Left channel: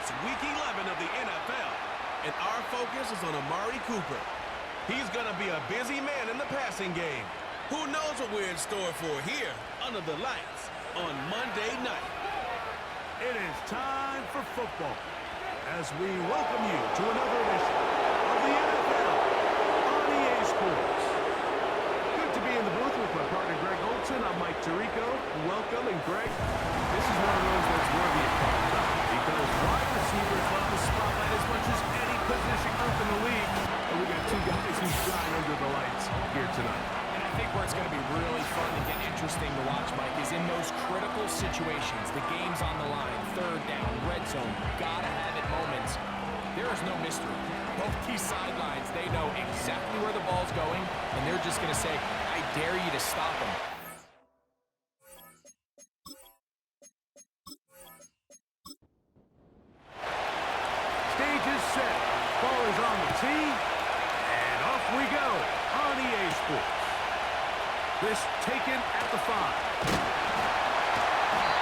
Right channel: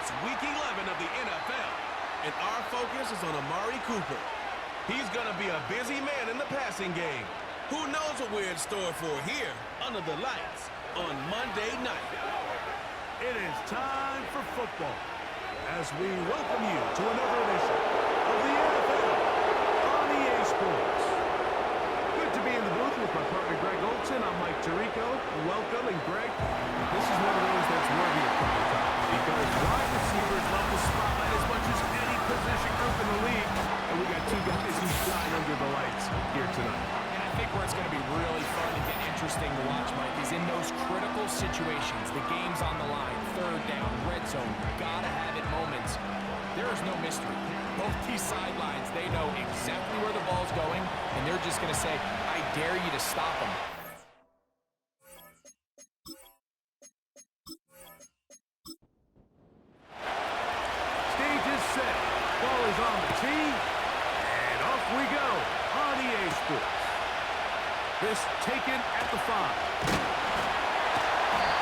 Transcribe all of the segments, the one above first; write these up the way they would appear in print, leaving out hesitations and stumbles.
It's Week 11 of the NFL, and our focus is on Amari Cooper. He's going to be a busy man in the passing game. Who knows what we're in store for here under the lights on Monday night. It is time for football as we welcome you to another edition of the NFL on EA Sports. Good to be in the booth with my partner Greg Olson. I'm Mike Tirico. Welcome, and Greg, this is one of those that's worthy of prime time because wide receivers love the spotlight as much as any position group in the league. And we got two guys who shine under the lights here tonight. And I think where it's going to be really fun and get interesting to watch, Mike, is in those critical situations. The game's on the line, third down, red zone, gotta have it moments. There is no mystery. Both these sidelines, they know exactly where the ball's going, and they're just going to say, I dare you to stop him. Stage is set. Ball is on the tee, and off we go on EA Sports. This taken at the 5.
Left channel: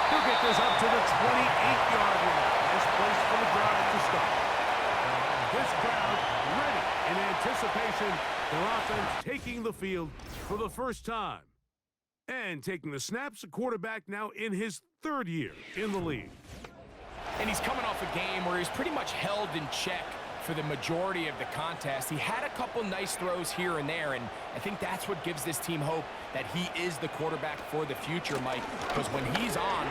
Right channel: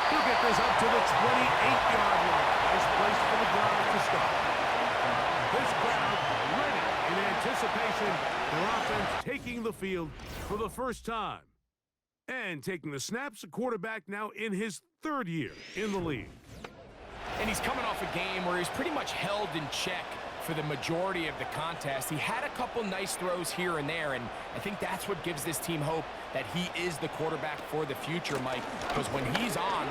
He'll get this up to the 28-yard line. Nice place for the drive to start. This crowd ready in anticipation. Their offense taking the field for the first time. And taking the snaps, a quarterback now in his 3rd year in the league. And he's coming off a game where he's pretty much held in check for the majority of the contest. He had a couple nice throws here and there, and I think that's what gives this team hope that he is the quarterback for the future, Mike, because when he's on,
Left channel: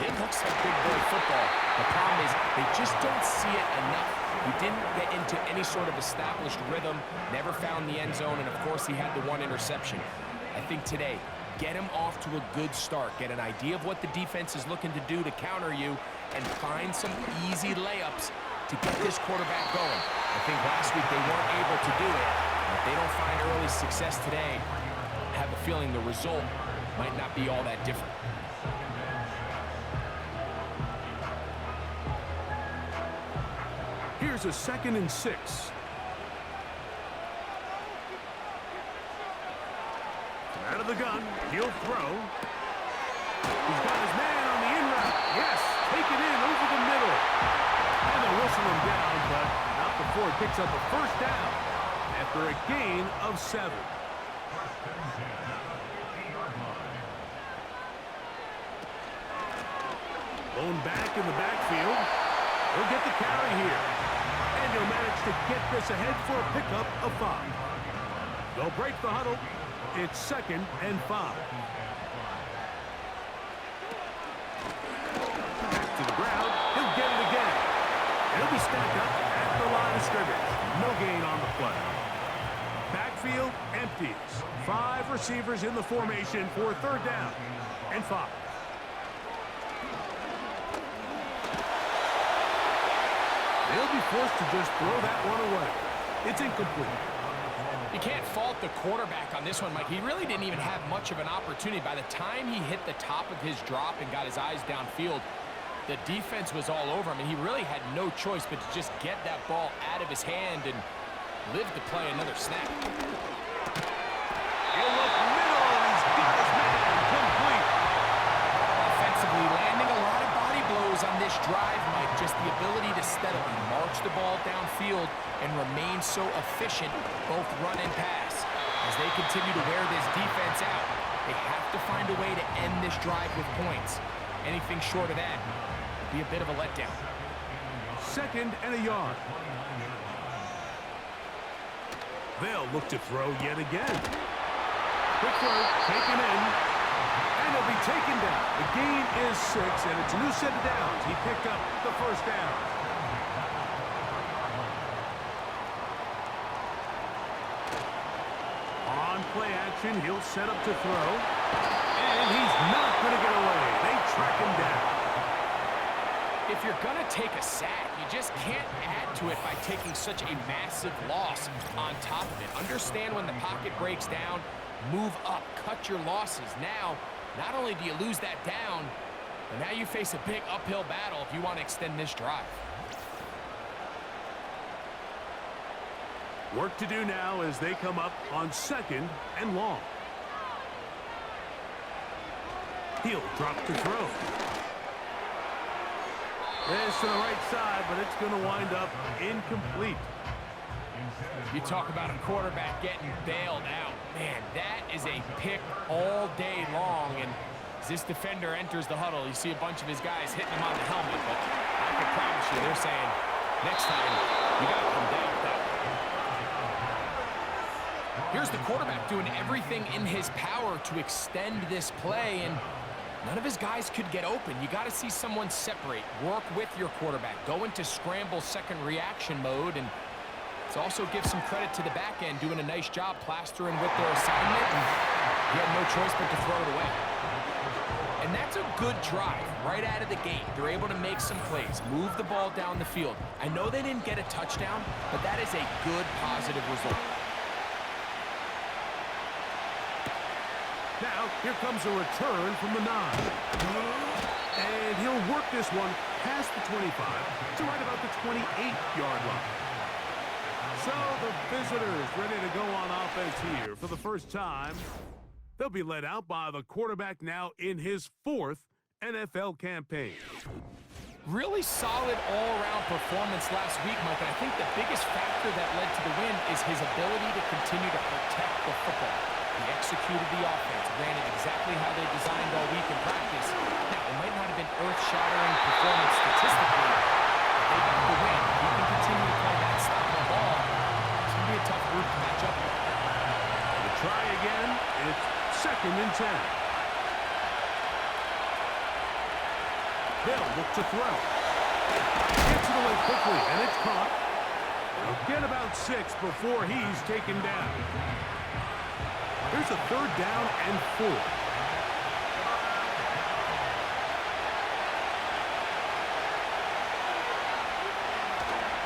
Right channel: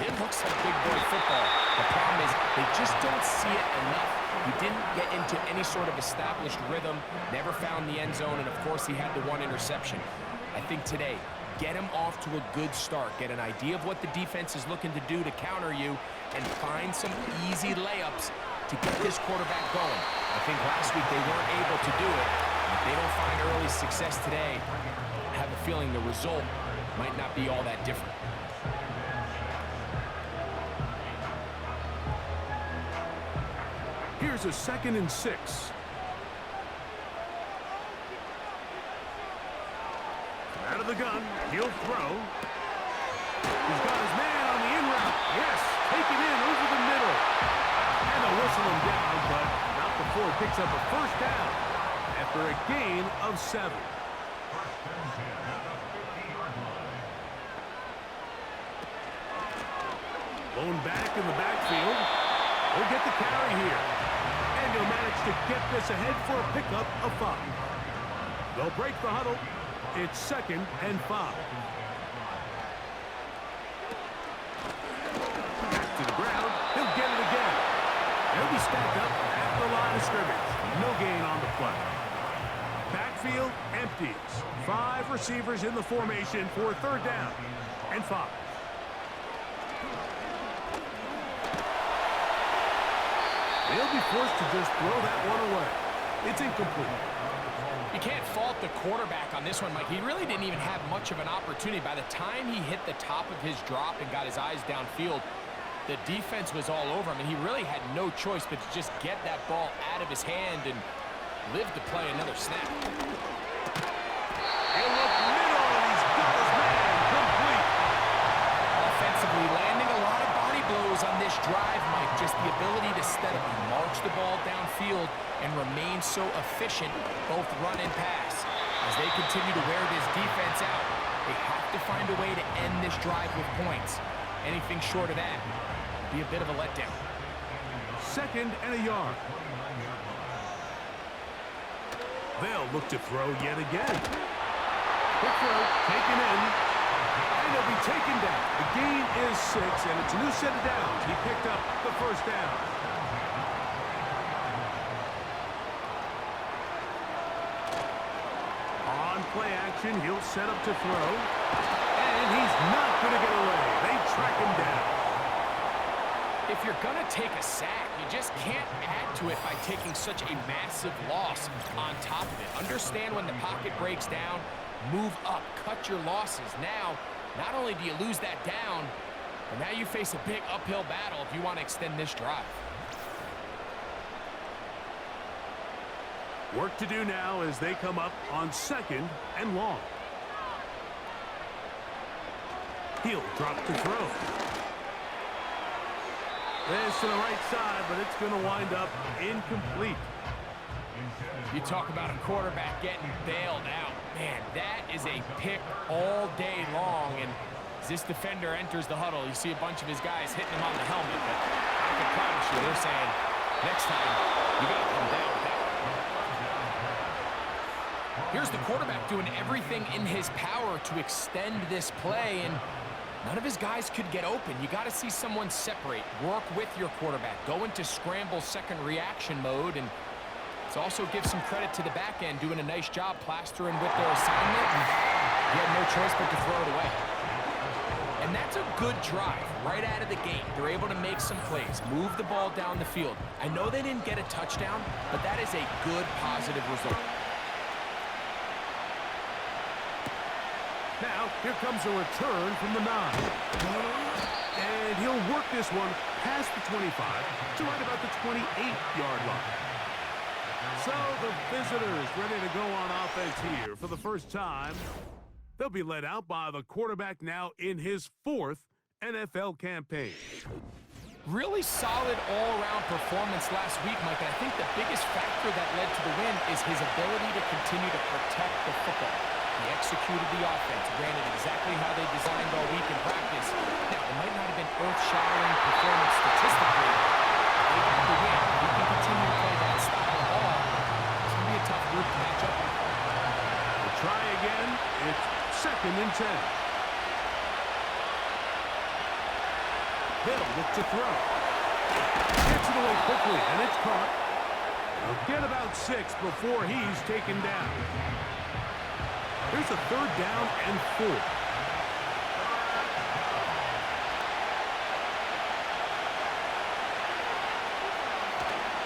it looks like big boy football. The problem is they just don't see it enough. He didn't get into any sort of established rhythm, never found the end zone, and of course he had the 1 interception. I think today, get him off to a good start. Get an idea of what the defense is looking to do to counter you, and find some easy layups to get this quarterback going. I think last week they weren't able to do it. And if they don't find early success today, I have a feeling the result might not be all that different. Here's a 2nd and 6. Out of the gun, he'll throw. He's got his man on the in route. Yes, take it in over the middle. And they'll whistle him down, but not before he picks up a 1st down after a gain of 7. Blown back in the backfield. He'll get the carry here. And he'll manage to get this ahead for a pickup of 5. They'll break the huddle. It's 2nd and 5. Back to the ground. He'll get it again. And he'll be stacked up at the line of scrimmage. No gain on the play. Backfield empties. 5 receivers in the formation for 3rd down and 5. They'll be forced to just throw that one away. It's incomplete. You can't fault the quarterback on this one, Mike. He really didn't even have much of an opportunity. By the time he hit the top of his drop and got his eyes downfield, the defense was all over him, and he really had no choice but to just get that ball out of his hand and live to play another snap. He'll look middle, and he's got his man complete. Offensively, landing a lot of body blows on this drive, Mike. Just the ability to steadily march the ball downfield and remain so efficient, both run and pass. As they continue to wear this defense out, they have to find a way to end this drive with points. Anything short of that would be a bit of a letdown. 2nd and a yard. They'll look to throw yet again. Quick throw, taken in, and he'll be taken down. The gain is 6, and it's a new set of downs. He picked up the 1st down. On play action, he'll set up to throw. And he's not going to get away. They track him down. If you're going to take a sack, you just can't add to it by taking such a massive loss on top of it. Understand when the pocket breaks down, move up, cut your losses. Now, not only do you lose that down, but now you face a big uphill battle if you want to extend this drive. Work to do now as they come up on 2nd and long. He'll drop to throw. This to the right side, but it's going to wind up incomplete. You talk about a quarterback getting bailed out. Man, that is a pick all day long. And as this defender enters the huddle, you see a bunch of his guys hitting him on the helmet. But I can promise you, they're saying, next time, you got to come down with that one. Here's the quarterback doing everything in his power to extend this play, and none of his guys could get open. You got to see someone separate, work with your quarterback, go into scramble second reaction mode, and let's also give some credit to the back end doing a nice job plastering with their assignment, and he had no choice but to throw it away. And that's a good drive right out of the gate. They're able to make some plays, move the ball down the field. I know they didn't get a touchdown, but that is a good, positive result. Now, here comes a return from the 9. And he'll work this one past the 25 to right about the 28-yard line. So the visitors ready to go on offense here for the first time. They'll be led out by the quarterback now in his 4th NFL campaign. Really solid all-around performance last week, Mike, and I think the biggest factor that led to the win is his ability to continue to protect the football. He executed the offense, ran it exactly how they designed all week in practice. Now, it might not have been earth-shattering performance statistically, but they got the win. If he can continue to play that style of ball, it's going to be a tough group to match up with. We'll try again. It's 2nd and 10. They'll look to throw. Gets it away quickly, and it's caught. They'll get about 6 before he's taken down. Here's a 3rd down and 4.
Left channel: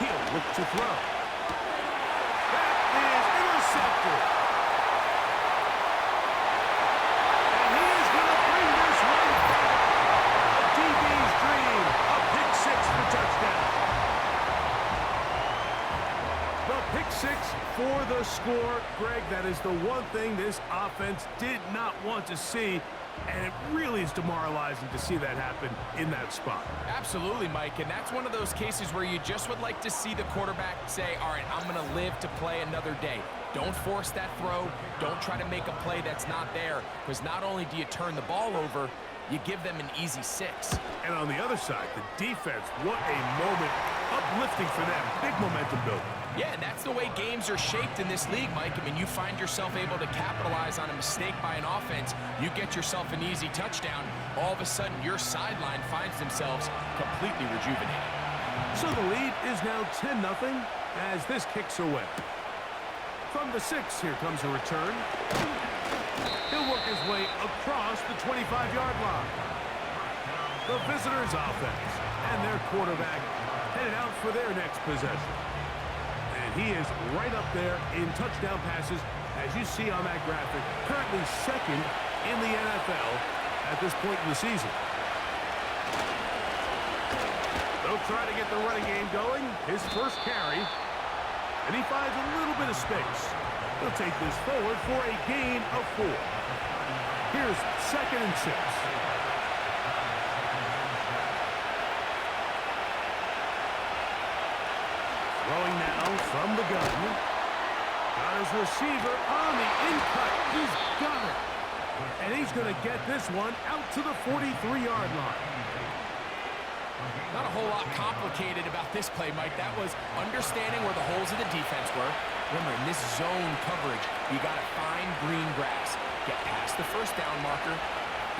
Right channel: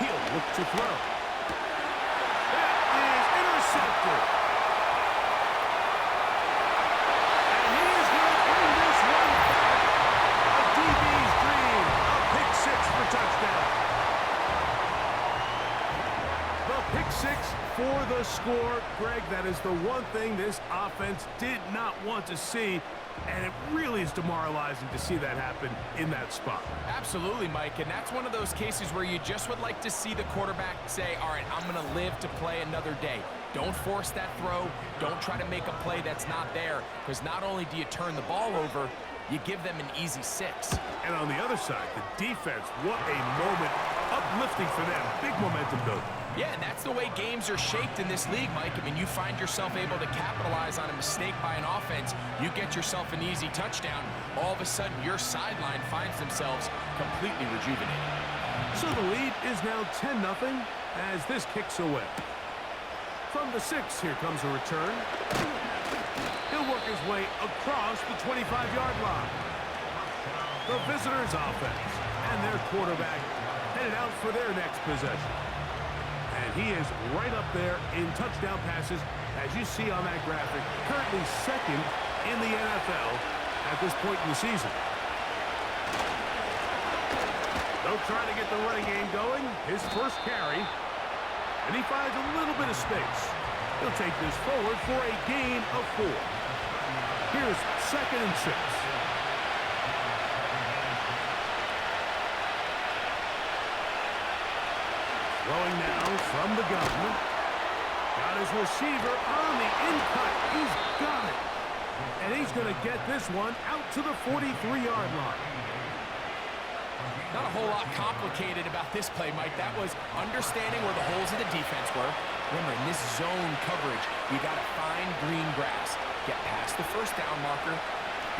He'll look to throw. That is intercepted. And he is going to bring this one back. A DB's dream. A pick 6 for touchdown. The pick 6 for the score. Greg, that is the one thing this offense did not want to see, and it really is demoralizing to see that happen in that spot. Absolutely, Mike, and that's one of those cases where you just would like to see the quarterback say, all right, I'm going to live to play another day. Don't force that throw. Don't try to make a play that's not there, because not only do you turn the ball over, you give them an easy 6. And on the other side, the defense, what a moment. Uplifting for them. Big momentum building. Yeah, and that's the way games are shaped in this league, Mike. I mean, you find yourself able to capitalize on a mistake by an offense. You get yourself an easy touchdown. All of a sudden, your sideline finds themselves completely rejuvenated. So the lead is now 10-0 as this kicks away. From the 6, here comes a return. He'll work his way across the 25-yard line. The visitors' offense and their quarterback headed out for their next possession. And he is right up there in touchdown passes, as you see on that graphic. Currently 2nd in the NFL at this point in the season. They'll try to get the running game going. His first carry. And he finds a little bit of space. He'll take this forward for a gain of 4. Here's 2nd and 6. Throwing now from the gun. Got his receiver on the in-cut. He's got it. And he's going to get this one out to the 43-yard line. Not a whole lot complicated about this play, Mike. That was understanding where the holes of the defense were. Remember, in this zone coverage, you got to find green grass. Get past the first down marker,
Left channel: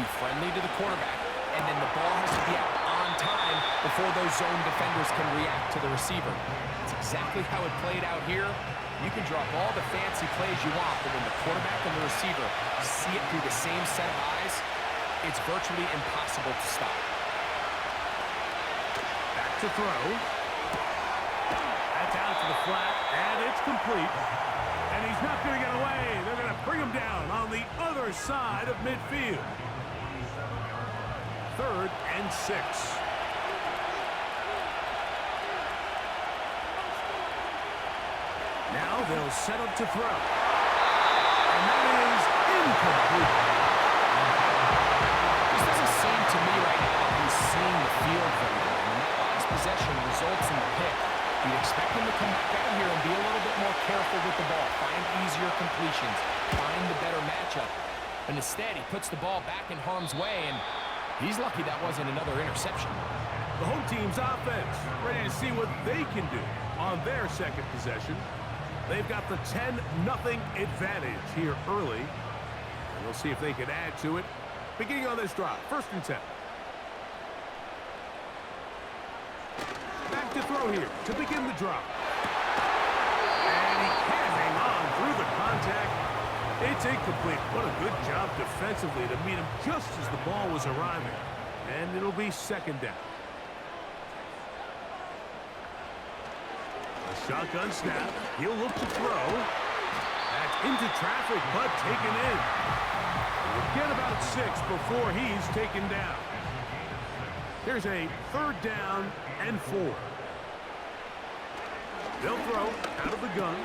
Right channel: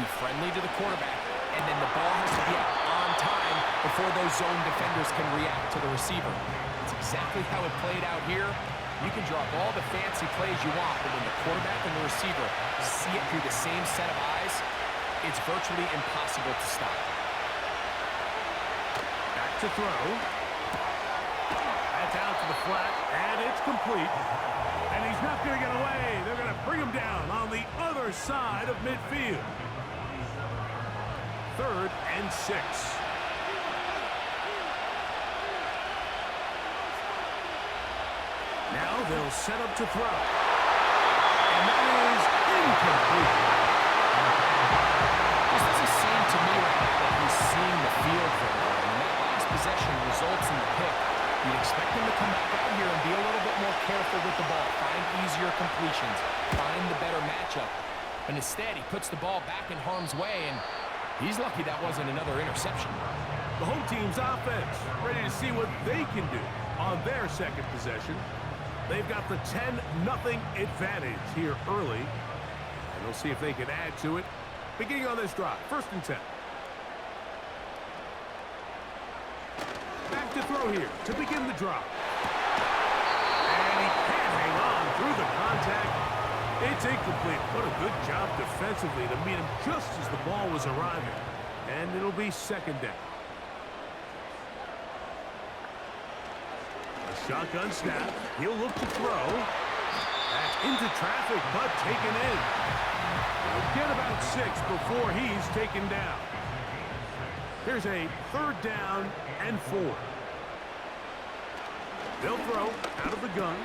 be friendly to the quarterback, and then the ball has to be out on time before those zone defenders can react to the receiver. It's exactly how it played out here. You can drop all the fancy plays you want, but when the quarterback and the receiver see it through the same set of eyes, it's virtually impossible to stop. Back to throw. That's out to the flat, and it's complete. And he's not going to get away. They're going to bring him down on the other side of midfield. 3rd and 6. Now they'll set up to throw. And that is incomplete. This doesn't seem to me right now that he's seeing the field very well. I mean, that last possession results in the pick, you'd expect him to come back out here and be a little bit more careful with the ball, find easier completions, find the better matchup. But instead, he puts the ball back in harm's way, and he's lucky that wasn't another interception. The home team's offense ready to see what they can do on their second possession. They've got the 10-0 advantage here early, and they'll see if they can add to it. Beginning on this drive, 1st and 10. Back to throw here to begin the drive. And he can't hang on through the contact. It's incomplete. What a good job defensively to meet him just as the ball was arriving. And it'll be 2nd down. A shotgun snap. He'll look to throw. That's into traffic, but taken in. He'll get about 6 before he's taken down. Here's a 3rd down and 4. They'll throw out of the gun.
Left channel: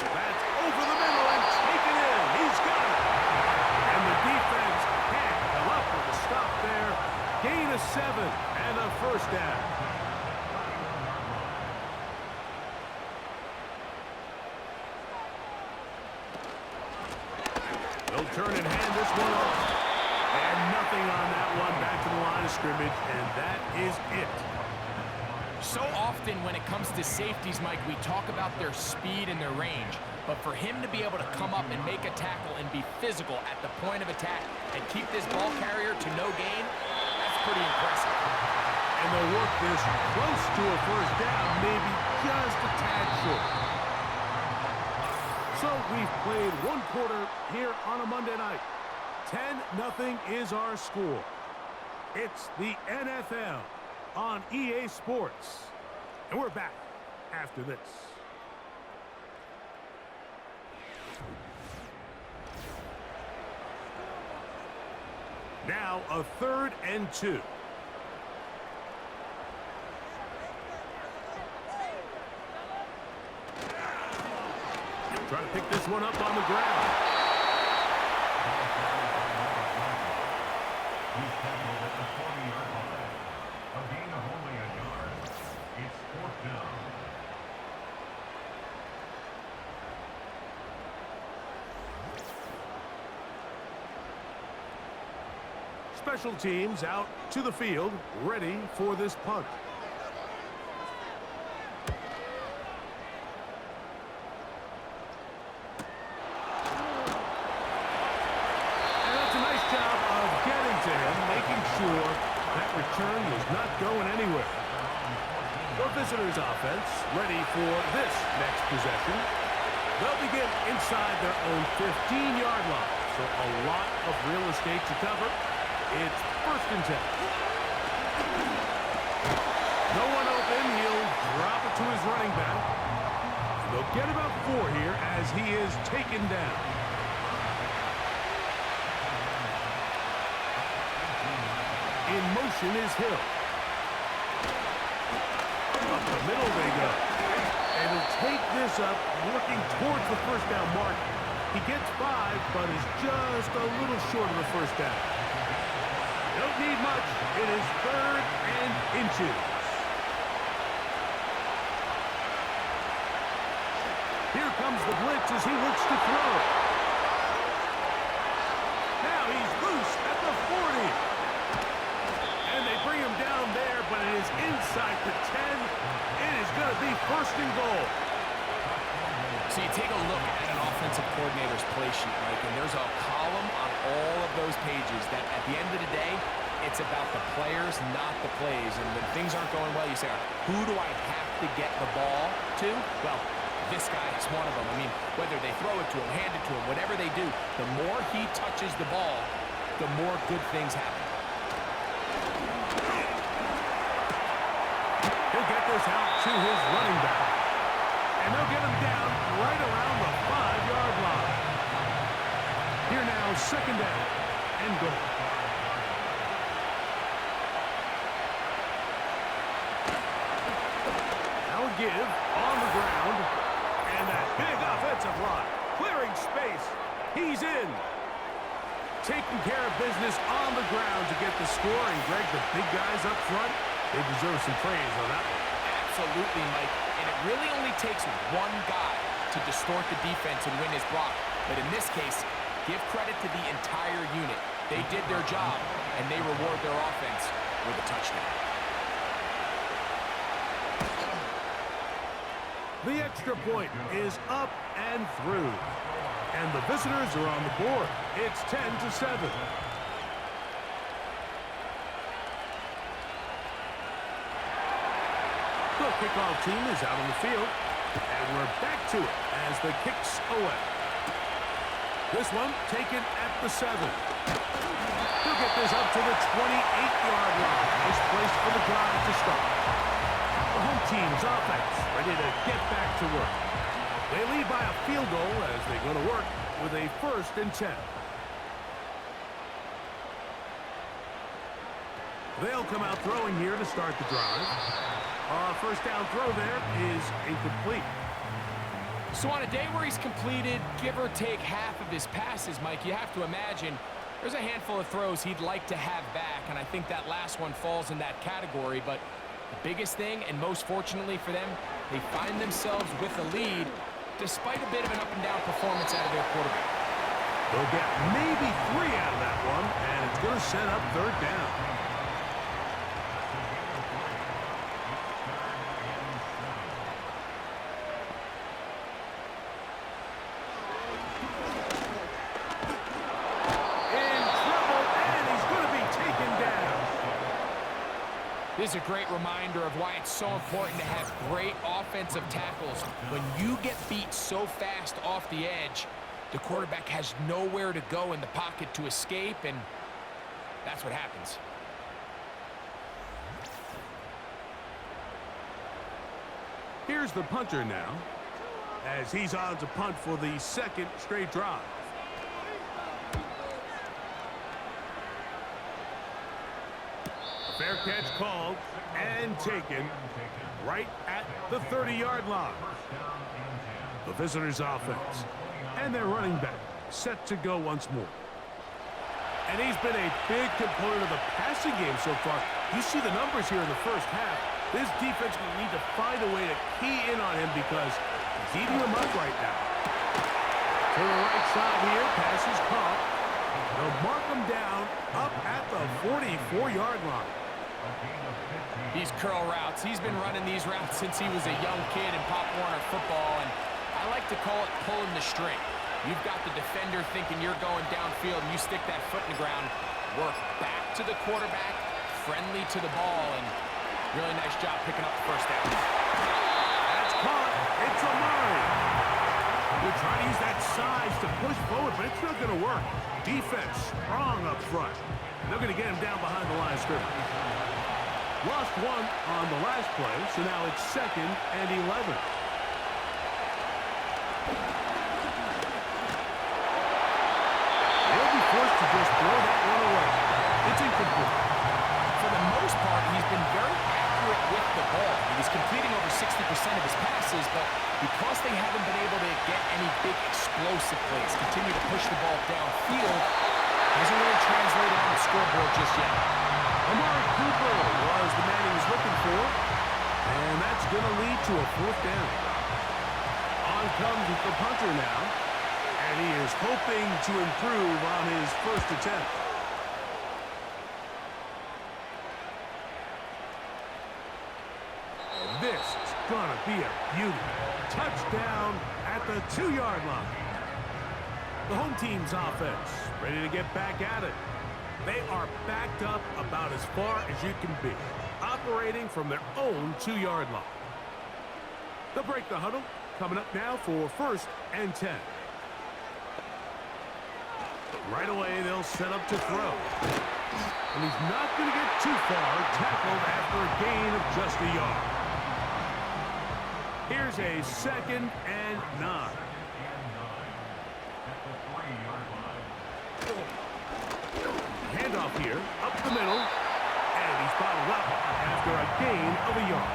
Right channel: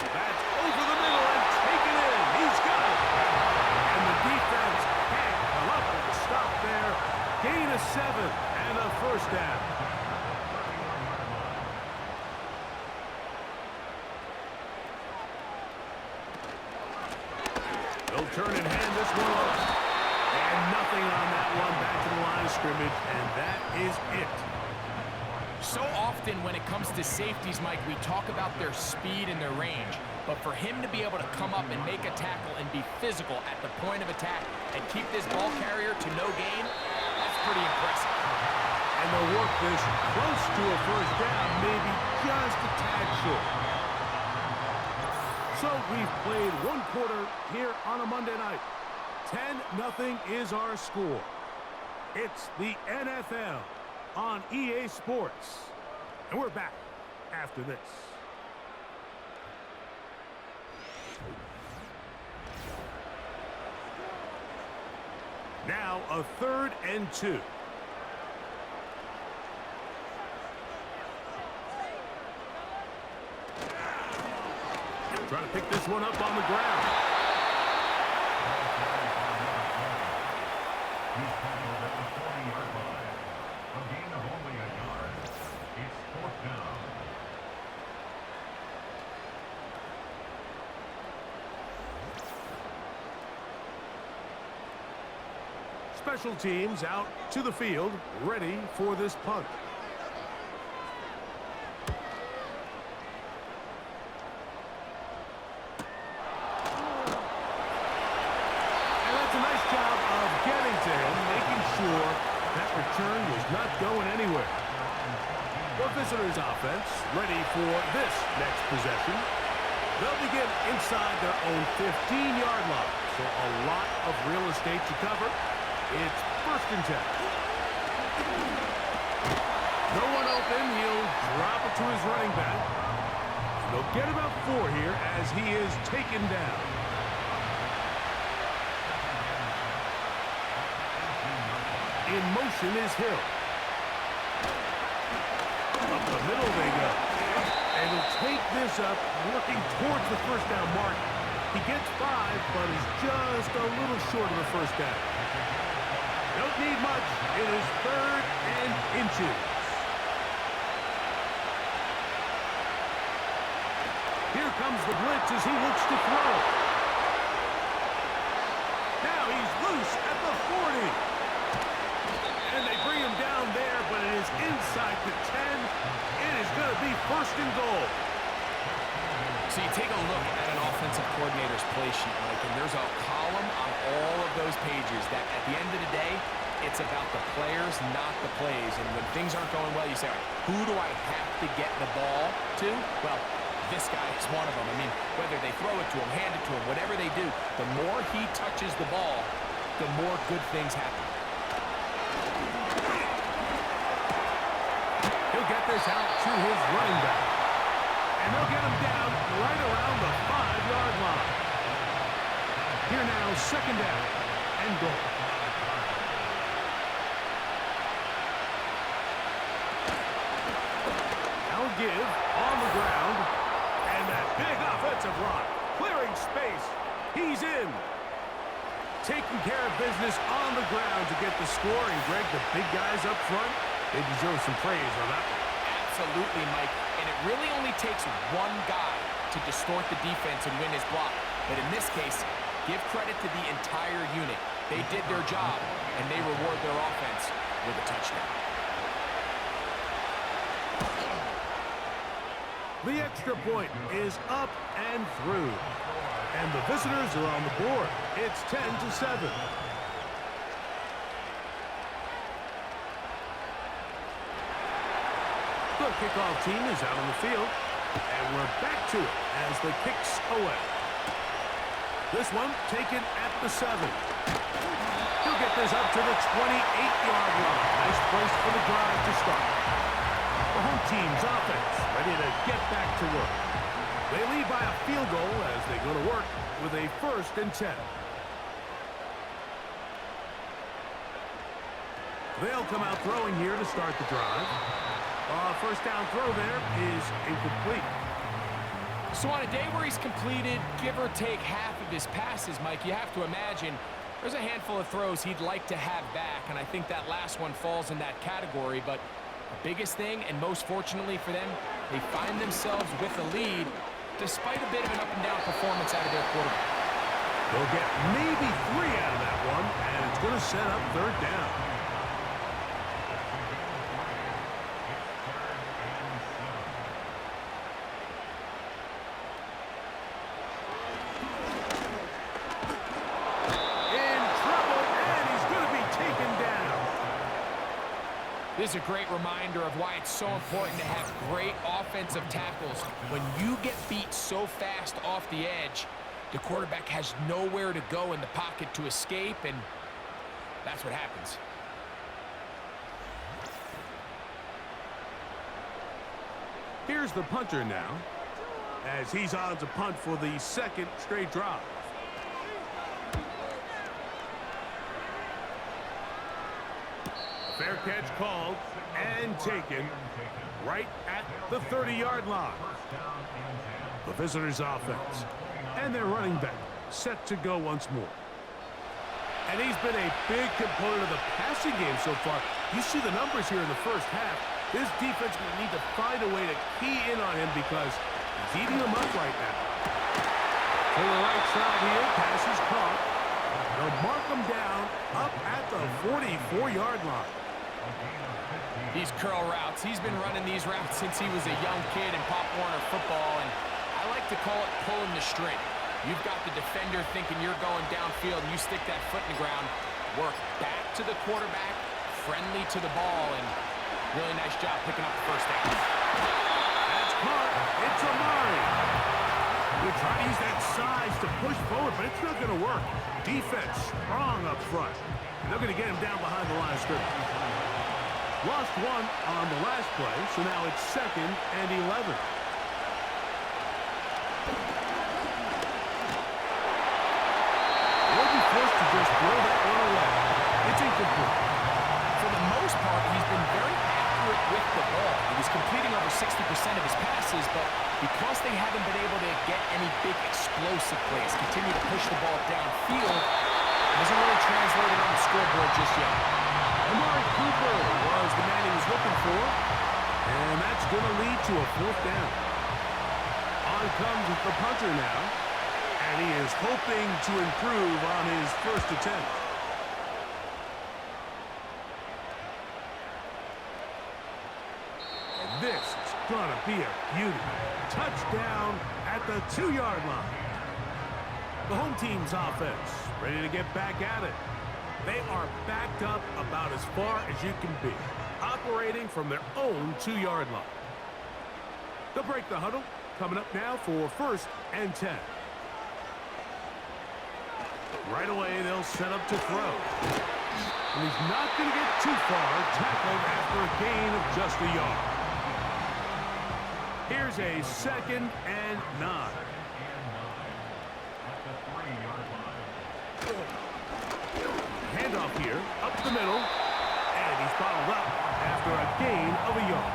That's over the middle and taken in. He's got it. And the defense can't come up with a stop there. Gain of 7 and a 1st down. They'll turn and hand this one off. And nothing on that one. Back to the line of scrimmage, and that is it. So often when it comes to safeties, Mike, we talk about their speed and their range. But for him to be able to come up and make a tackle and be physical at the point of attack and keep this ball carrier to no gain, that's pretty impressive. And they'll work this close to a 1st down, maybe just a tad short. So we've played 1 quarter here on a Monday night. 10-0 is our score. It's the NFL on EA Sports. And we're back after this. Now a 3rd and 2. Trying to pick this one up on the ground. He's tackled at the 40-yard line. A gain of only a yard. It's 4th down. Special teams out to the field, ready for this punt. A nice job of getting to him, making sure that return was not going anywhere. The visitors' offense ready for this next possession. They'll begin inside their own 15-yard line, so a lot of real estate to cover. It's 1st and 10. No one open. He'll drop it to his running back. And they'll get about 4 here as he is taken down. In motion is Hill. Up the middle they go. And he'll take this up, working towards the 1st down mark. He gets 5, but is just a little short of the 1st down. Don't need much. It is 3rd and inches. Here comes the blitz as he looks to throw. Now he's loose at the 40. And they bring him down there, but it is inside the 10. It is going to be 1st and goal. So you take a look at an offensive coordinator's play sheet, Mike, and there's a column on all of those pages that at the end of the day, it's about the players, not the plays. And when things aren't going well, you say, all right, who do I have to get the ball to? Well, this guy is one of them. I mean, whether they throw it to him, hand it to him, whatever they do, the more he touches the ball, the more good things happen. He'll get this out to his running back. And they'll get him down right around the 5-yard line. Here now, 2nd down and goal. Now a give on the ground. And that big offensive line clearing space. He's in. Taking care of business on the ground to get the score. And Greg, the big guys up front, They deserve some praise on that one. Absolutely, Mike. And it really only takes one guy to distort the defense and win his block. But in this case, give credit to the entire unit. They did their job, and they reward their offense with a touchdown. The extra point is up and through. And the visitors are on the board. It's 10-7. The kickoff team is out on the field. And we're back to it as the kick's away. This one taken at the 7. He'll get this up to the 28-yard line. Nice place for the drive to start. The home team's offense ready to get back to work. They lead by a field goal as they go to work with a 1st and 10. They'll come out throwing here to start the drive. First down throw there is incomplete. So on a day where he's completed, give or take half of his passes, Mike, you have to imagine there's a handful of throws he'd like to have back, and I think that last one falls in that category. But the biggest thing, and most fortunately for them, they find themselves with a lead despite a bit of an up-and-down performance out of their quarterback. They'll get maybe 3 out of that one, and it's going to set up 3rd down. This is a great reminder of why it's so important to have great offensive tackles. When you get beat so fast off the edge, the quarterback has nowhere to go in the pocket to escape, and that's what happens. Here's the punter now, as he's on to punt for the 2nd straight drive. Fair catch called and taken right at the 30-yard line. The visitors' offense and their running back set to go once more. And he's been a big component of the passing game so far. You see the numbers here in the first half. This defense will need to find a way to key in on him because he's eating them up right now. To the right side here, pass is caught. They'll mark him down up at the 44-yard line. These curl routes, he's been running these routes since he was a young kid in Pop Warner football, and I like to call it pulling the string. You've got the defender thinking you're going downfield, and you stick that foot in the ground, work back to the quarterback, friendly to the ball, and really nice job picking up the 1st down. That's caught. It's Amari. They're trying to use that size to push forward, but it's not going to work. Defense strong up front. And they're going to get him down behind the line of scrimmage. Lost 1 on the last play, so now it's 2nd and 11. They'll be forced to just throw that one away. It's incomplete. For the most part, he's been very accurate with the ball. He's completing over 60% of his passes, but because they haven't been able to get any big explosive plays, continue to push the ball downfield, hasn't really translated on the scoreboard just yet. Amari Cooper was the man he was looking for, and that's going to lead to a 4th down. On comes the punter now, and he is hoping to improve on his 1st attempt. And this is going to be a beauty. Touchdown at the 2-yard line. The home team's offense ready to get back at it. They are backed up about as far as you can be, operating from their own 2-yard line. They'll break the huddle, coming up now for 1st and 10. Right away, they'll set up to throw. And he's not going to get too far, tackled after a gain of just a yard. Here's a 2nd and 9. Handoff here, up the middle, and he's bottled up after a gain of a yard.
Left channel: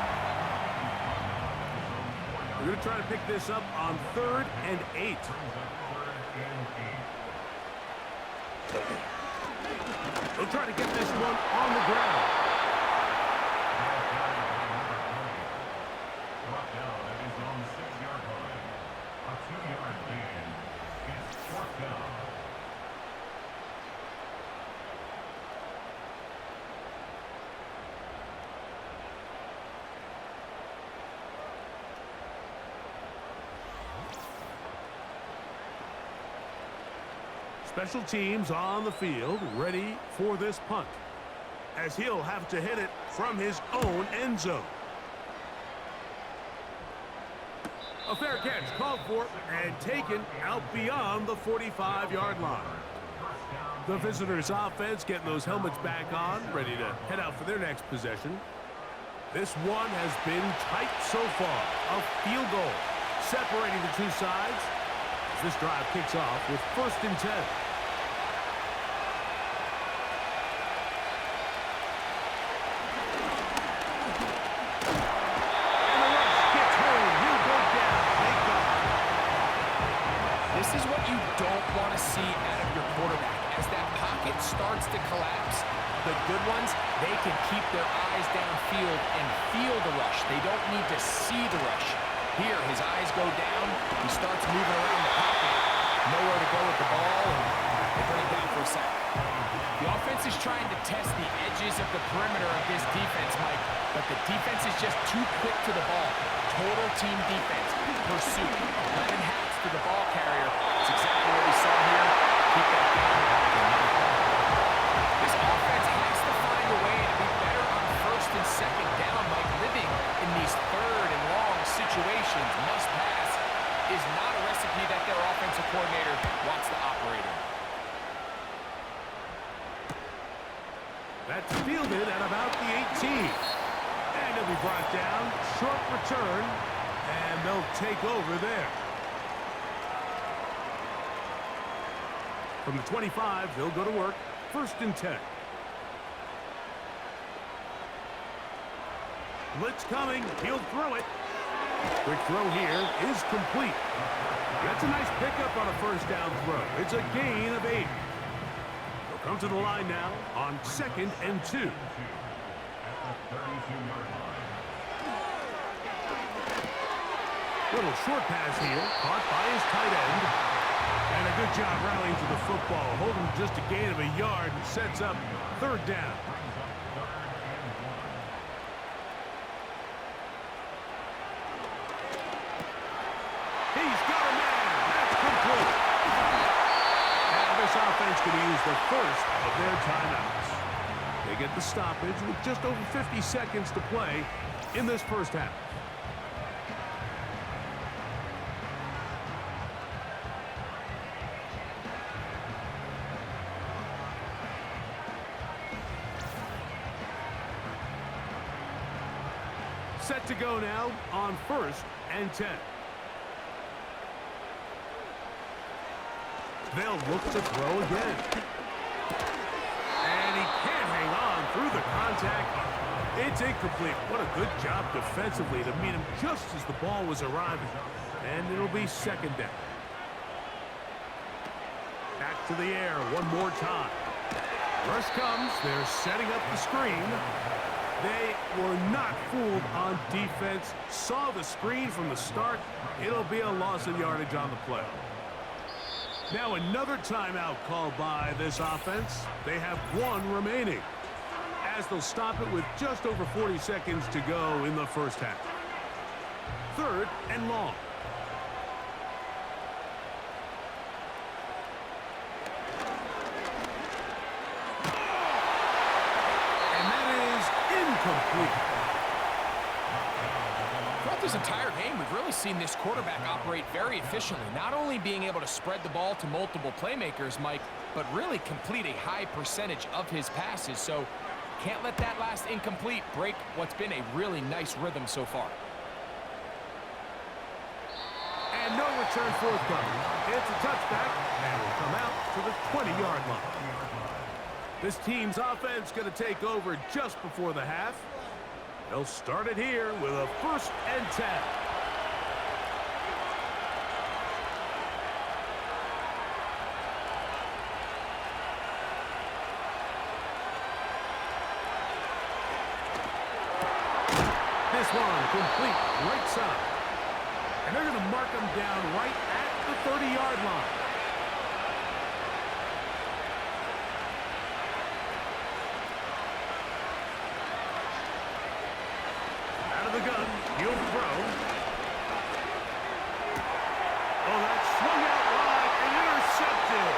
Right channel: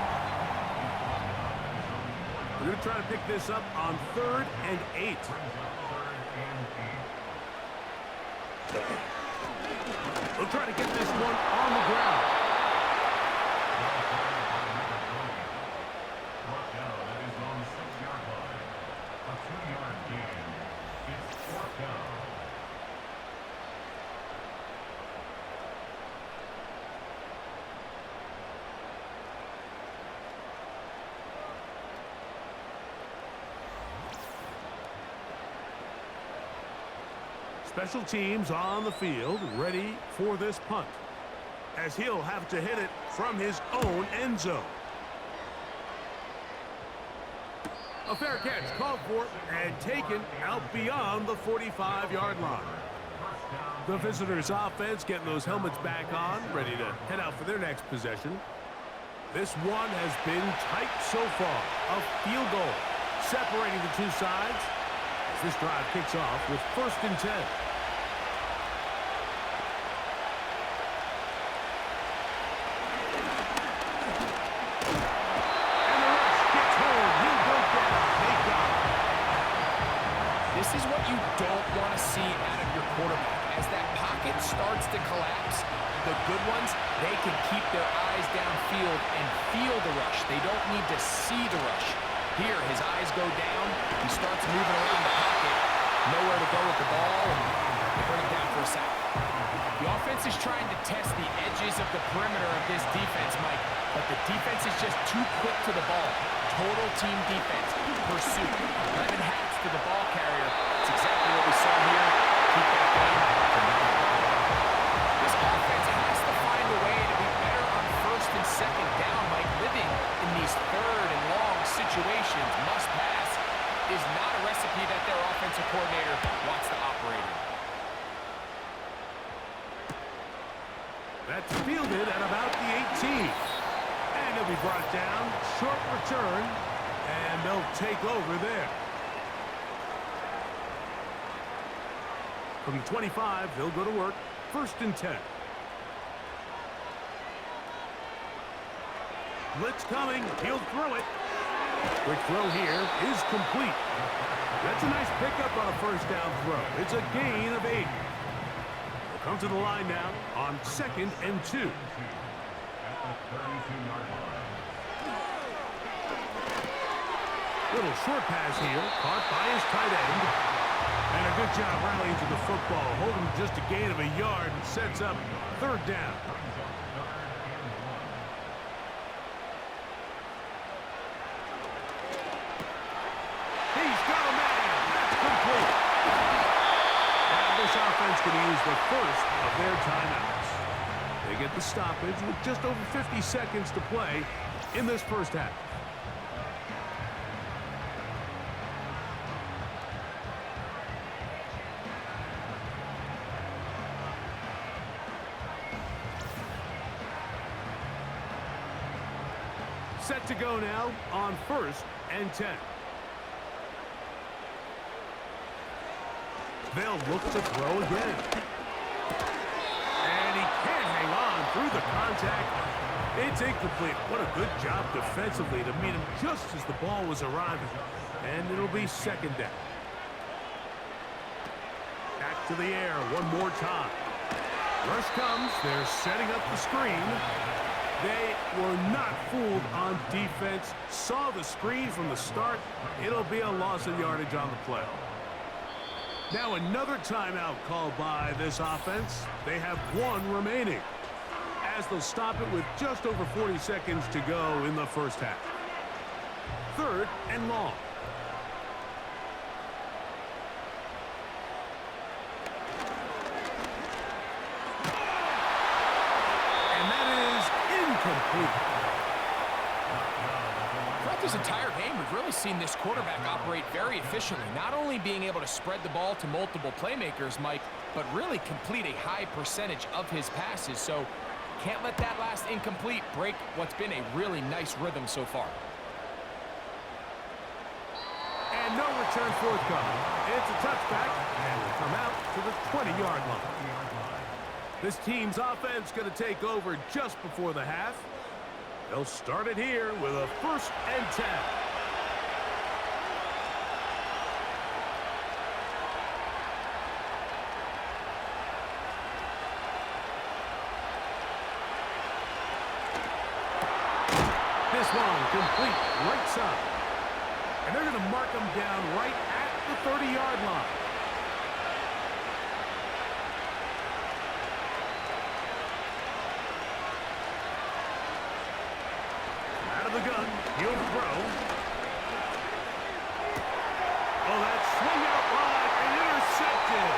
We're going to try to pick this up on 3rd and 8. They'll try to get this one on the ground. Special teams on the field, ready for this punt, as he'll have to hit it from his own end zone. A fair catch called for and taken out beyond the 45-yard line. The visitors' offense getting those helmets back on, ready to head out for their next possession. This one has been tight so far. A field goal separating the two sides as this drive kicks off with 1st and 10. This is what you don't want to see out of your quarterback. As that pocket starts to collapse, the good ones, they can keep their eyes downfield and feel the rush. They don't need to see the rush. Here, his eyes go down. He starts moving around the pocket. Nowhere to go with the ball, and they bring him down for a sack. The offense is trying to test the edges of the perimeter of this defense, Mike, but the defense is just too quick to the ball. Total team defense, pursuit, 11 hats to the ball carrier. It's exactly what we saw here. Keep that game going. This offense has to find a way to be better on 1st and 2nd down, Mike. Living in these 3rd and long situations, must pass, is not a recipe that their offensive coordinator wants to operate in. That's fielded at about the 18. And he'll be brought down. Short return. And they'll take over there. From the 25, they'll go to work. 1st and 10. Blitz coming. He'll throw it. Quick throw here is complete. That's a nice pickup on a 1st down throw. It's a gain of 8. They'll come to the line now on 2nd and 2. At the 32-yard line. Little short pass here, caught by his tight end. And a good job rallying to the football, holding just a gain of a yard and sets up 3rd down. He's got a man. That's complete. Now this offense could use the 1st of their timeouts. They get the stoppage with just over 50 seconds to play in this 1st half. Set to go now on 1st and 10. They'll look to throw again. And he can't hang on through the contact. It's incomplete. What a good job defensively to meet him just as the ball was arriving. And it'll be 2nd down. Back to the air one more time. Rush comes. They're setting up the screen. They were not fooled on defense. Saw the screen from the start. It'll be a loss of yardage on the play. Now another timeout called by this offense. They have 1 remaining, as they'll stop it with just over 40 seconds to go in the 1st half. 3rd and long. And that is incomplete. Throughout this entire game, we've really seen this quarterback operate very efficiently, not only being able to spread the ball to multiple playmakers, Mike, but really complete a high percentage of his passes. So can't let that last incomplete break what's been a really nice rhythm so far. And no return forthcoming. It's a touchback, and will come out to the 20-yard line. This team's offense going to take over just before the half. They'll start it here with a 1st and 10. This one complete right side. And they're going to mark them down right at the 30-yard line. The gun, he'll throw. Oh, that's swung out wide and intercepted.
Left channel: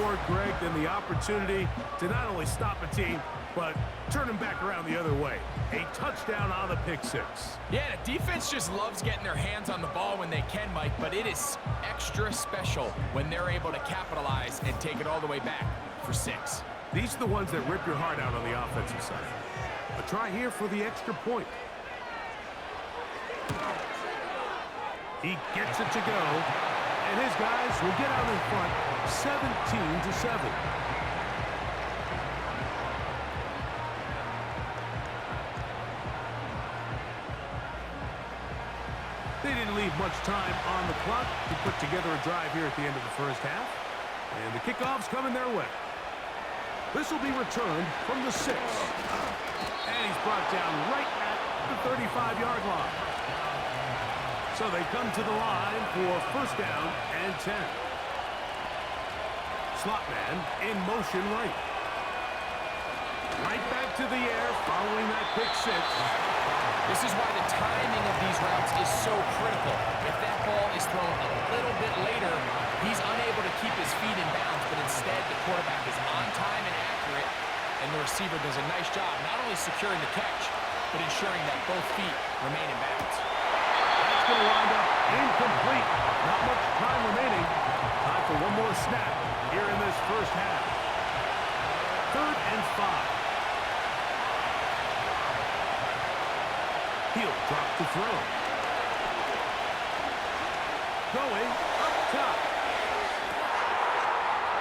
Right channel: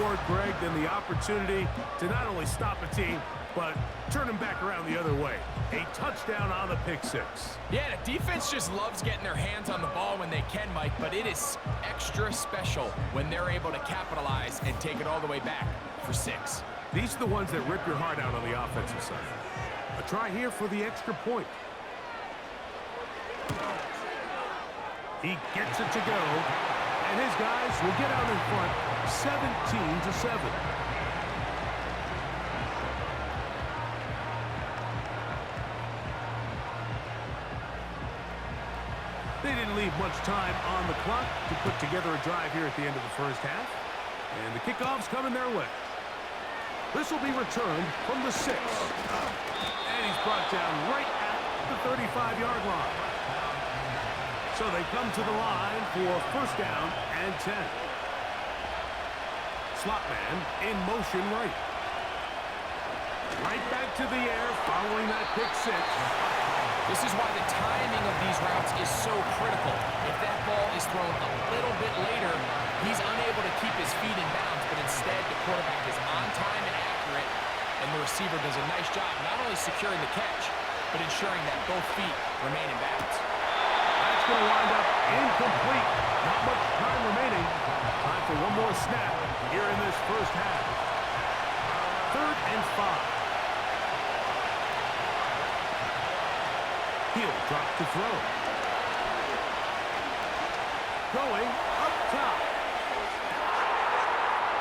reward, Greg, than the opportunity to not only stop a team, but turn them back around the other way. A touchdown on the pick six. Yeah, the defense just loves getting their hands on the ball when they can, Mike, but it is extra special when they're able to capitalize and take it all the way back for 6. These are the ones that rip your heart out on the offensive side. A try here for the extra point. He gets it to go, and his guys will get out in front 17-7. They didn't leave much time on the clock to put together a drive here at the end of the first half. And the kickoff's coming their way. This will be returned from the 6. And he's brought down right at the 35-yard line. So they come to the line for first down and 10. Slot man in motion right. Right back to the air following that pick 6. This is why the timing of these routes is so critical. If that ball is thrown a little bit later, he's unable to keep his feet in bounds, but instead the quarterback is on time and accurate, and the receiver does a nice job not only securing the catch, but ensuring that both feet remain in bounds. That's going to wind up incomplete. Not much time remaining. Time for one more snap here in this first half. 3rd and 5. He'll drop to throw. Going up top.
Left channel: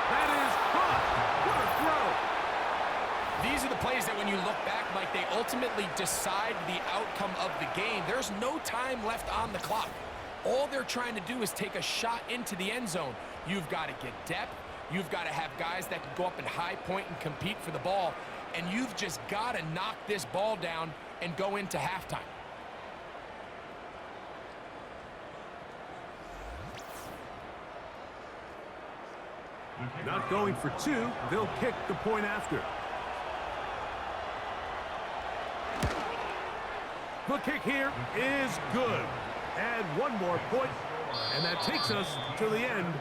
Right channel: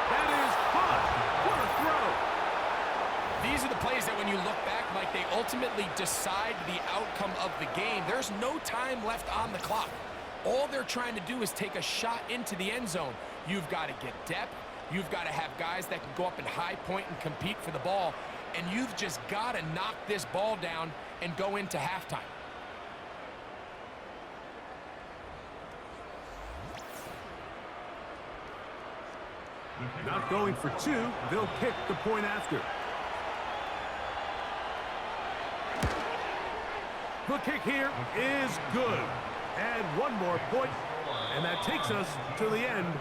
That is caught. What a throw. These are the plays that when you look back, Mike, they ultimately decide the outcome of the game. There's no time left on the clock. All they're trying to do is take a shot into the end zone. You've got to get depth. You've got to have guys that can go up and high point and compete for the ball. And you've just got to knock this ball down and go into halftime. Not going for 2. They'll kick the point after. The kick here is good. Add one more point, and that takes us to the end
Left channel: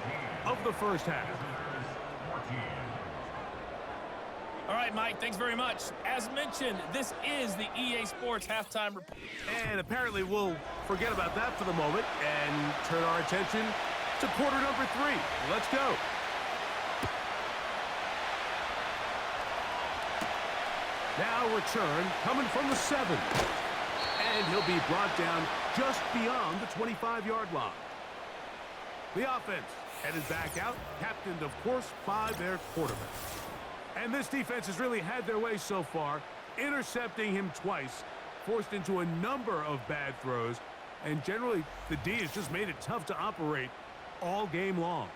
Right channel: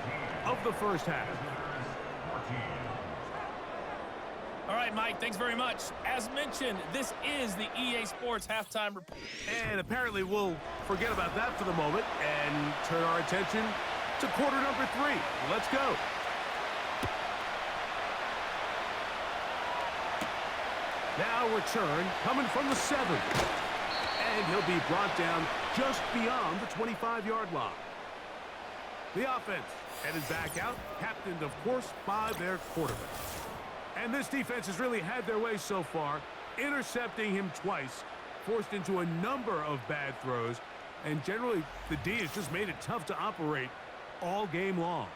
of the first half. All right, Mike, thanks very much. As mentioned, this is the EA Sports Halftime Report. And apparently we'll forget about that for the moment and turn our attention to quarter number 3. Let's go. Now return coming from the 7. And he'll be brought down just beyond the 25-yard line. The offense headed back out, captained, of course, by their quarterback. And this defense has really had their way so far, intercepting him twice, forced into a number of bad throws, and generally the D has just made it tough to operate all game long.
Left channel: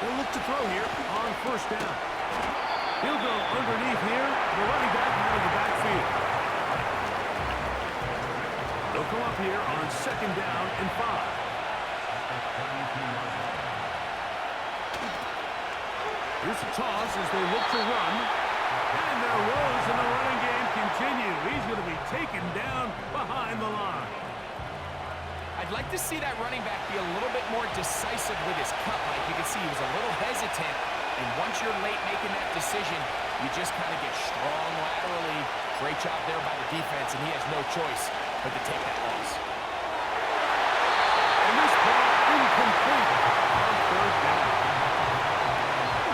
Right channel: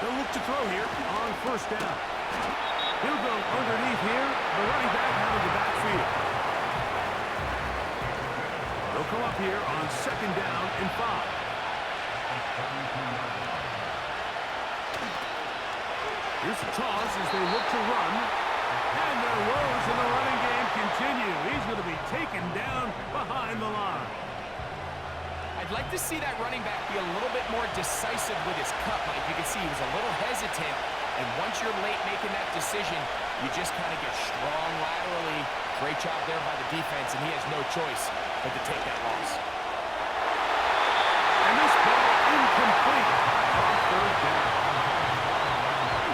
They'll look to throw here on first down. He'll go underneath here, the running back out of the backfield. They'll come up here on 2nd down and 5. Here's the toss as they look to run. And their woes in the running game continue. He's going to be taken down behind the line. I'd like to see that running back be a little bit more decisive with his cut, Mike. You can see he was a little hesitant, and once you're late making that decision, you just kind of get strong laterally. Great job there by the defense, and he has no choice but to take that loss. And this ball incomplete on 3rd down.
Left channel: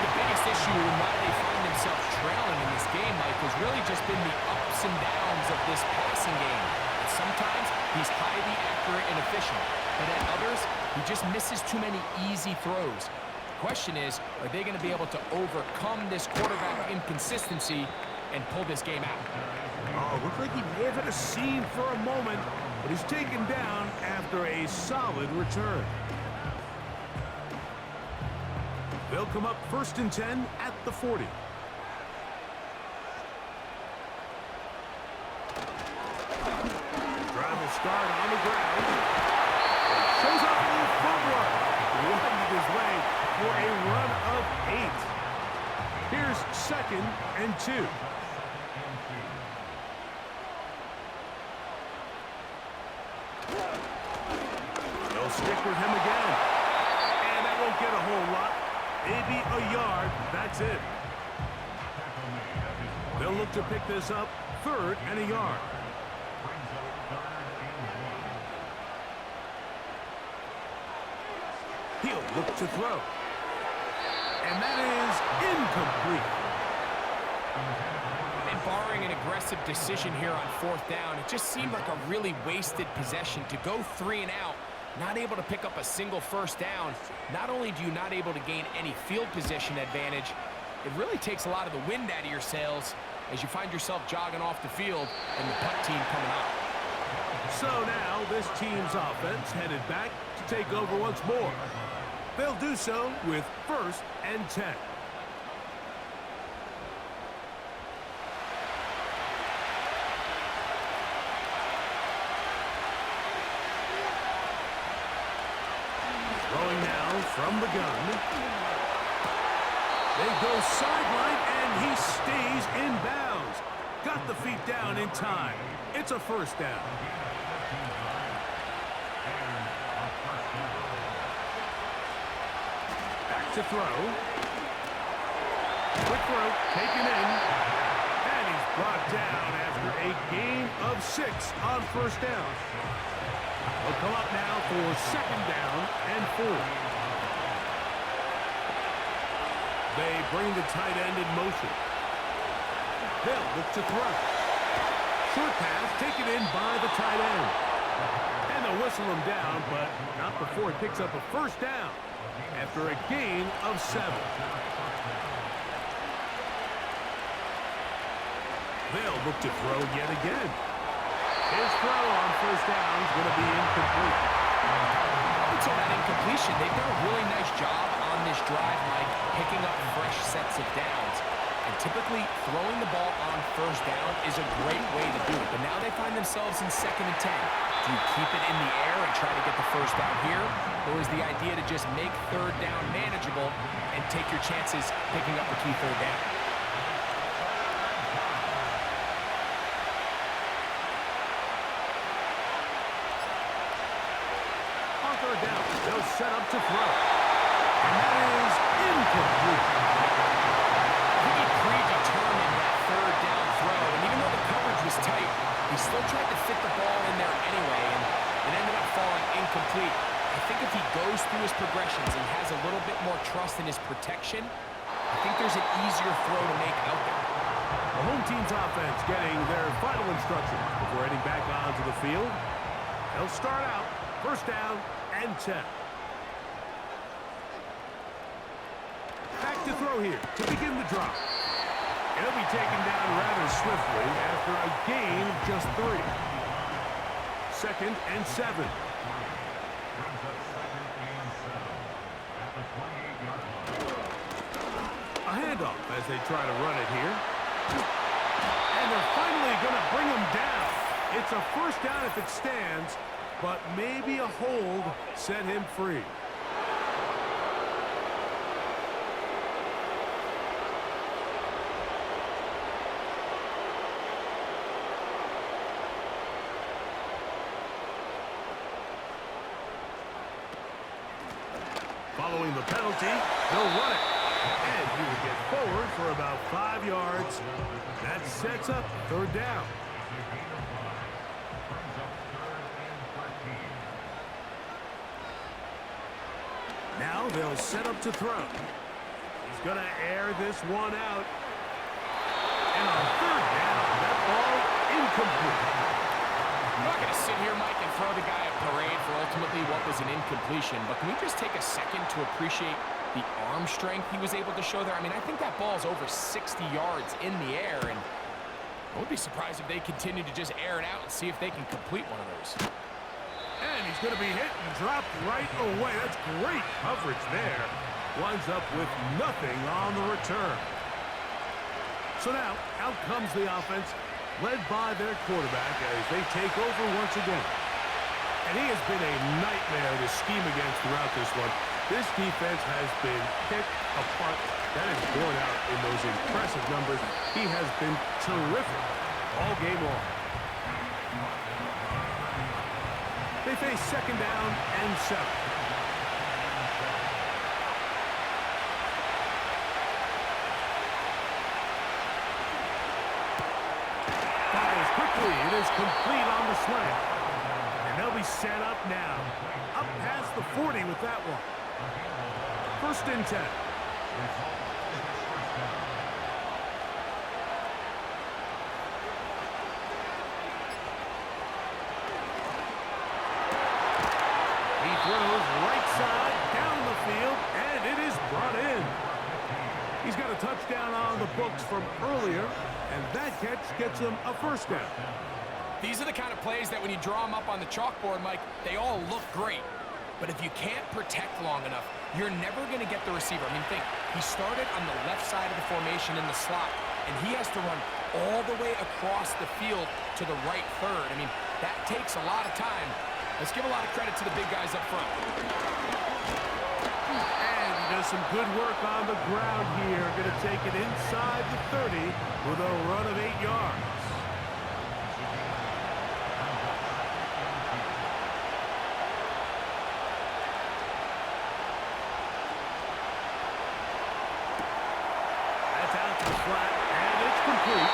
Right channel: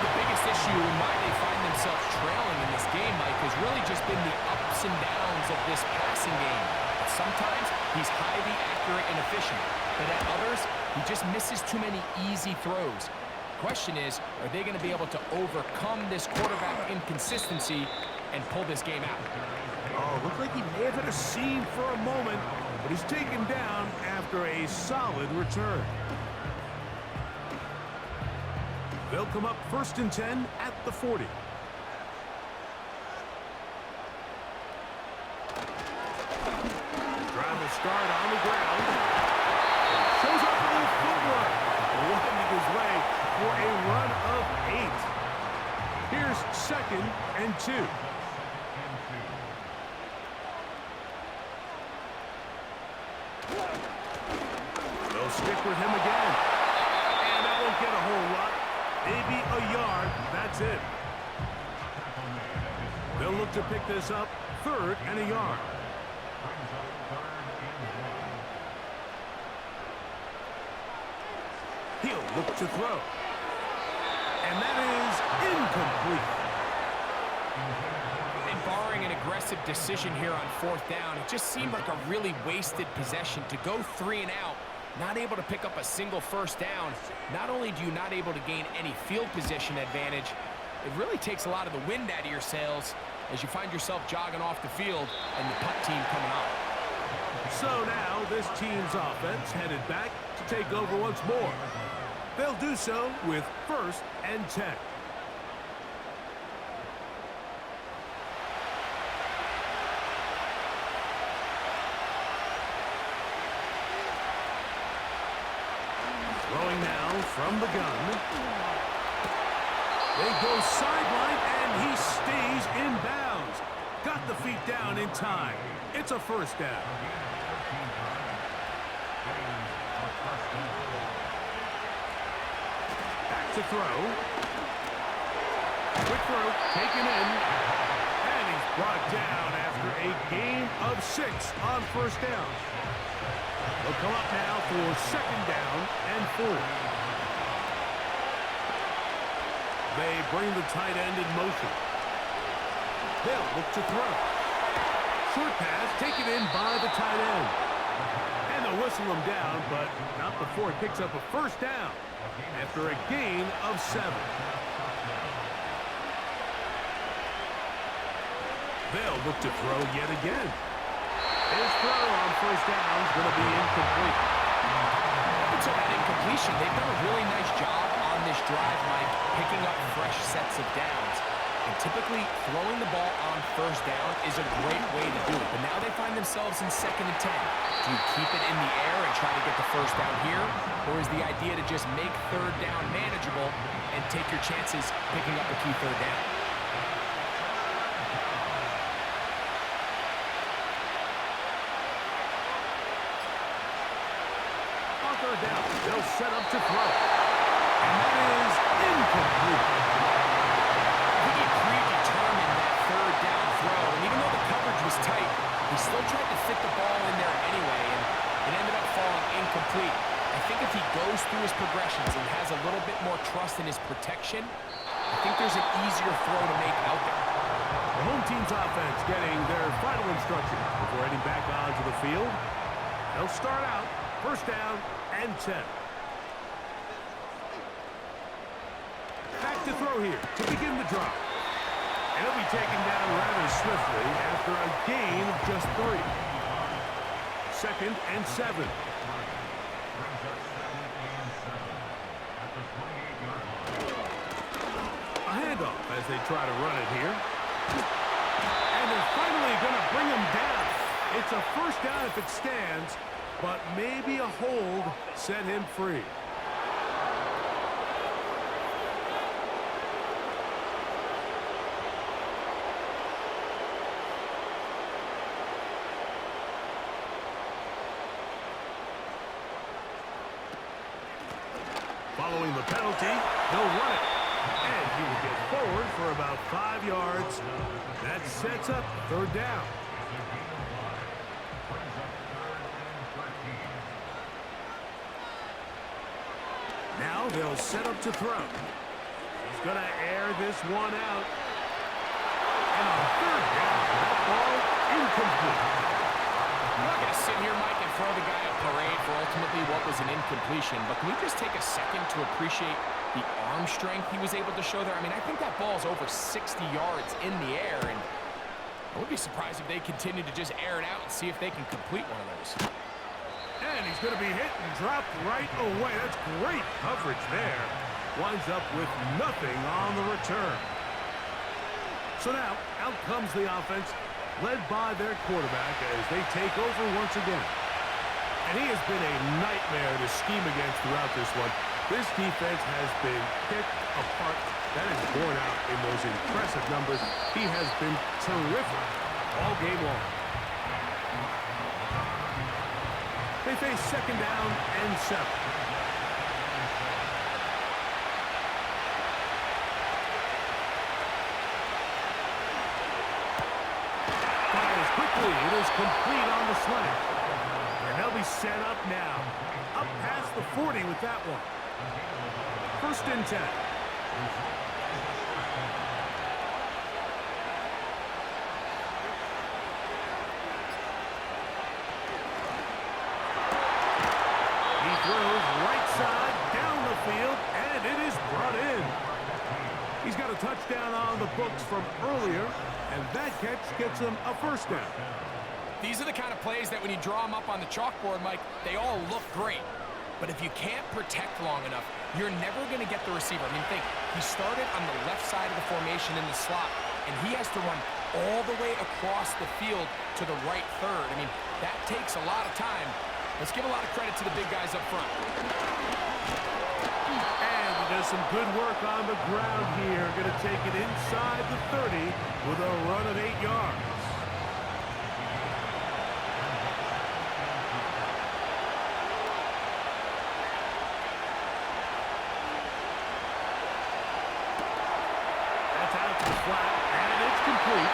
The biggest issue and why they find themselves trailing in this game, Mike, has really just been the ups and downs of this passing game. And sometimes he's highly accurate and efficient, but at others, he just misses too many easy throws. The question is, are they going to be able to overcome this quarterback inconsistency and pull this game out? Oh, looked like he may have had a seam for a moment, but he's taken down after a solid return. They'll come up 1st and 10 at the 40. Drive will start on the ground. Shows off a little footwork, winding his way for a run of 8. Here's 2nd and 2. They'll stick with him again. And that won't get a whole lot. Maybe a yard. That's it. They'll look to pick this up. 3rd and a yard. He'll look to throw. And that is incomplete. And barring an aggressive decision here on 4th down, it just seemed like a really wasted possession to go 3 and out, not able to pick up a single 1st down. Not only do you not able to gain any field position advantage, it really takes a lot of the wind out of your sails as you find yourself jogging off the field and the punt team coming on. So now this team's offense headed back to take over once more. They'll do so with 1st and 10. Throwing now from the gun. They go sideline, and he stays in bounds. Got the feet down in time. It's a 1st down. Back to throw. Quick throw, taken in. And he's brought down after a gain of 6 on 1st down. They'll come up now for 2nd down and 4. They bring the tight end in motion. They'll look to throw. Short pass taken in by the tight end. And they'll whistle him down, but not before he picks up a 1st down after a gain of 7. They'll look to throw yet again. His throw on 1st down is going to be incomplete. Up until that incompletion, they've done a really nice job on this drive, Mike, picking up fresh sets of downs. And typically, throwing the ball on 1st down is a great way to do it. But now they find themselves in 2nd and 10. Do you keep it in the air and try to get the 1st down here? Or is the idea to just make 3rd down manageable and take your chances picking up a key 3rd down? On 3rd down, they'll set up to throw. And that is incomplete. I think he predetermined that 3rd down throw, and even though the coverage was tight, he still tried to fit the ball in there anyway, and it ended up falling incomplete. I think if he goes through his progressions and has a little bit more trust in his protection, I think there's an easier throw to make out there. The home team's offense getting their final instructions before heading back onto the field. They'll start out 1st down and 10. Back to throw here to begin the drop. And he'll be taken down rather swiftly after a gain of just 3. 2nd and 7. A handoff as they try to run it here. And they're finally going to bring him down. It's a 1st down if it stands, but maybe a hold set him free. Following the penalty, they'll run it. And he will get forward for about 5 yards. That sets up 3rd down. Now they'll set up to throw. He's going to air this one out. And on 3rd down, that ball incomplete. I'm not going to sit here, Mike, and throw the guy a parade for ultimately what was an incompletion, but can we just take a second to appreciate the arm strength he was able to show there? I mean, I think that ball's over 60 yards in the air, and I would be surprised if they continue to just air it out and see if they can complete one of those. And he's going to be hit and dropped right away. That's great coverage there. Winds up with nothing on the return. So now, out comes the offense, led by their quarterback as they take over once again. And he has been a nightmare to scheme against throughout this one. This defense has been picked apart That is borne out in those impressive numbers. He has been terrific all game long. They face second down and 7. Fires quickly. It is complete on the slant. And they'll be set up now. Up past the 40 with that one. First and 10. He throws right side down the field, and it is brought in. He's got a touchdown on the books from earlier, and that catch gets him a first down. These are the kind of plays that when you draw them up on the chalkboard, Mike, they all look great. But if you can't protect long enough, you're never going to get the receiver. I mean, think, he started on the left side of the formation in the slot, and he has to run all the way across the field to the right third. I mean, that takes a lot of time. Let's give a lot of credit to the big guys up front. And he does some good work on the ground here. Going to take it inside the 30 with a run of 8 yards. That's out to the flat, and it's complete.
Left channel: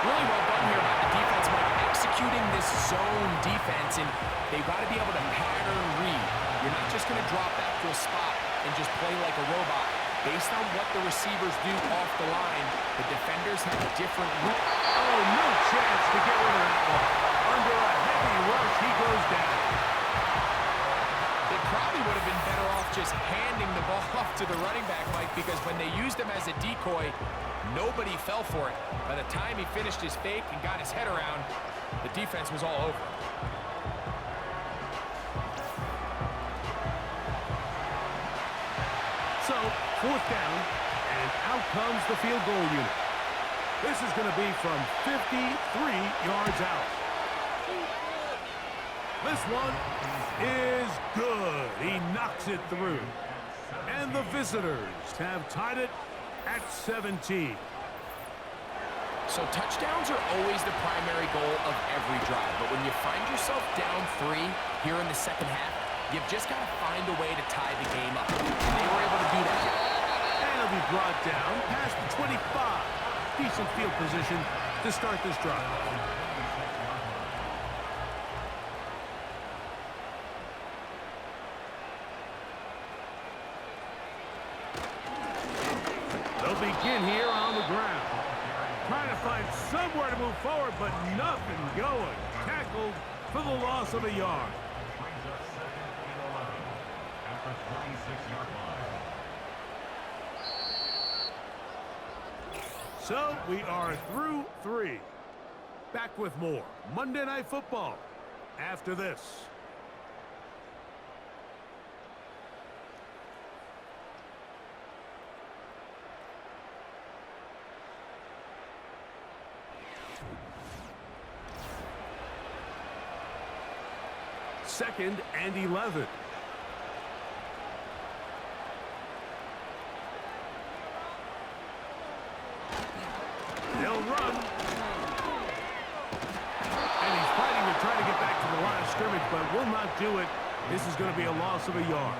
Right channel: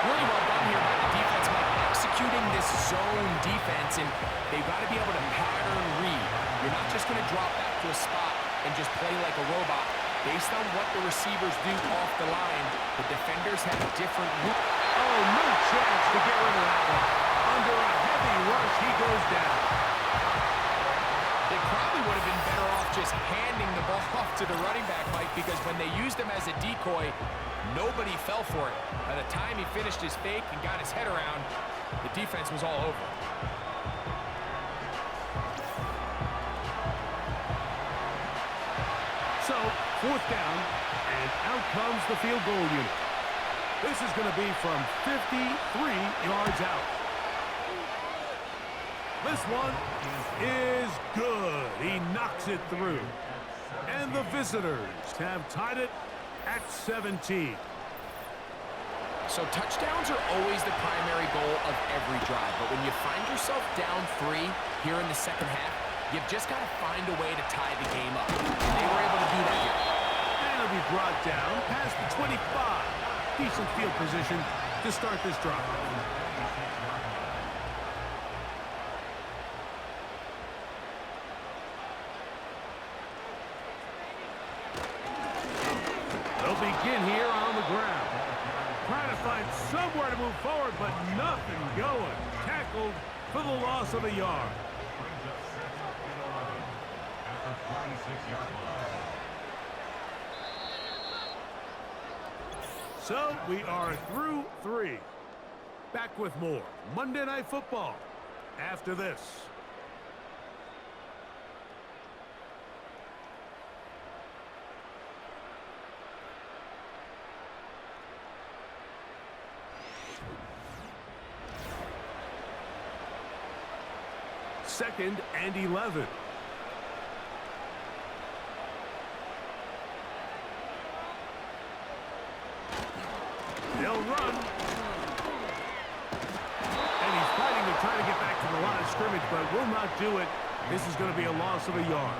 Really well done here by the defense, Mike, executing this zone defense, and they've got to be able to pattern read. You're not just going to drop back to a spot and just play like a robot. Based on what the receivers do off the line, the defenders have different route. Oh, no chance to get rid of that one. Under a heavy rush, he goes down. They probably would have been better off just handing the ball off to the running back, Mike, because when they used him as a decoy, nobody fell for it. By the time he finished his fake and got his head around, the defense was all over him. So, fourth down, and out comes the field goal unit. This is going to be from 53 yards out. This one is good. He knocks it through. And the visitors have tied it at 17. So touchdowns are always the primary goal of every drive. But when you find yourself down 3 here in the second half, you've just got to find a way to tie the game up. And they were able to do that here. And it'll be brought down past the 25. Decent field position to start this drive. They'll begin here on the ground. Trying to find somewhere to move forward, but nothing going. Tackled for the loss of a yard. Brings up second and 11 at the 26-yard line. So we are through 3. Back with more Monday Night Football after this. Second and 11. They'll run. And he's fighting to try to get back to the line of scrimmage, but will not do it. This is going to be a loss of a yard.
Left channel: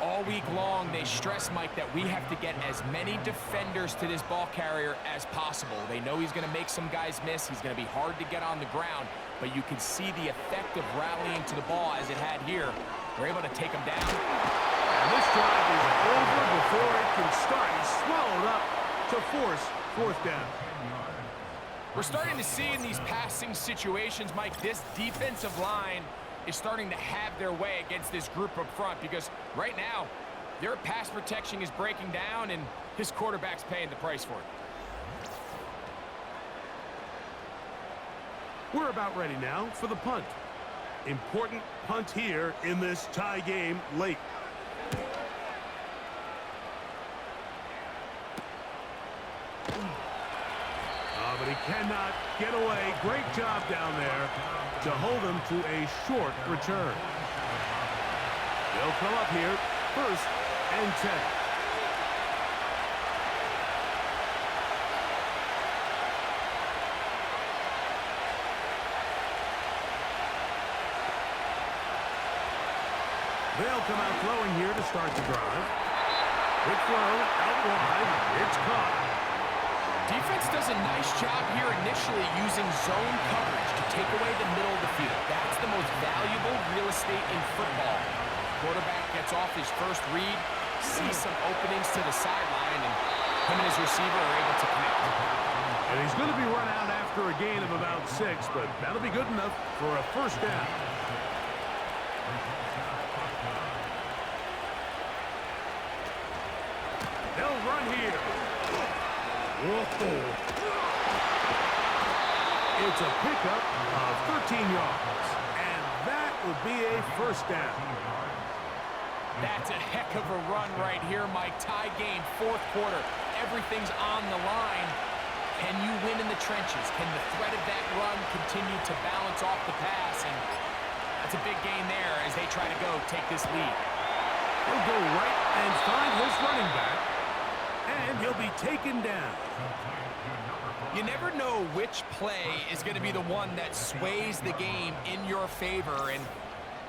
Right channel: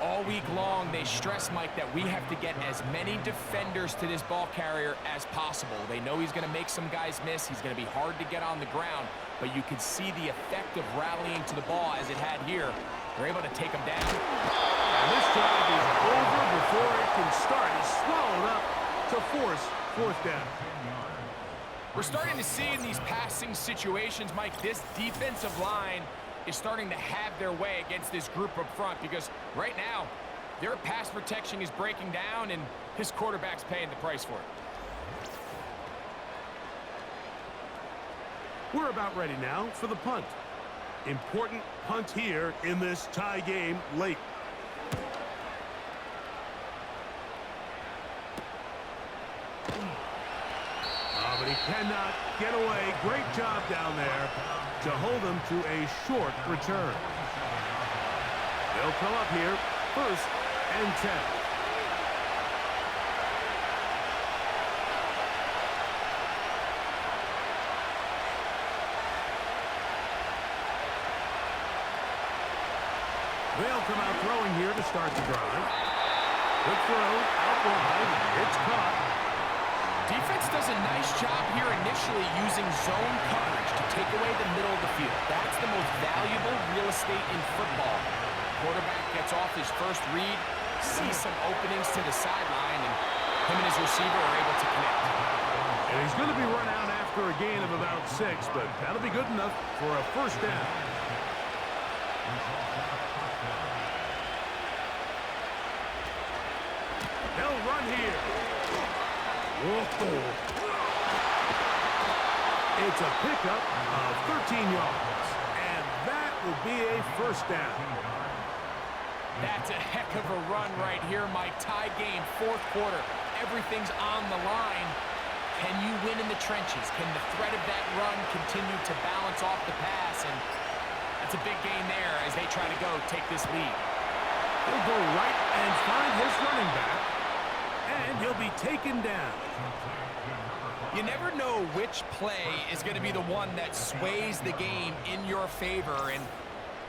All week long, they stress, Mike, that we have to get as many defenders to this ball carrier as possible. They know he's going to make some guys miss. He's going to be hard to get on the ground, but you can see the effect of rallying to the ball as it had here. They're able to take him down. And this drive is over before it can start. He's swallowed up to force fourth down. We're starting to see in these passing situations, Mike, this defensive line is starting to have their way against this group up front, because right now their pass protection is breaking down and his quarterback's paying the price for it. We're about ready now for the punt. Important punt here in this tie game late. But he cannot get away. Great job down there to hold him to a short return. They'll come up here, first and 10. They'll come out throwing here to start the drive. Quick throw, out wide. It's caught. Defense does a nice job here initially using zone coverage to take away the middle of the field. That's the most valuable real estate in football. Quarterback gets off his first read, sees some openings to the sideline, and him and his receiver are able to connect. And he's going to be run out after a gain of about 6, but that'll be good enough for a first down. They'll run here. Whoa. It's a pickup of 13 yards, and that will be a first down. That's a heck of a run right here, Mike. Tie game, fourth quarter. Everything's on the line. Can you win in the trenches? Can the threat of that run continue to balance off the pass? And that's a big gain there as they try to take this lead. He'll go right and find his running back, and he'll be taken down. You never know which play is going to be the one that sways the game in your favor, and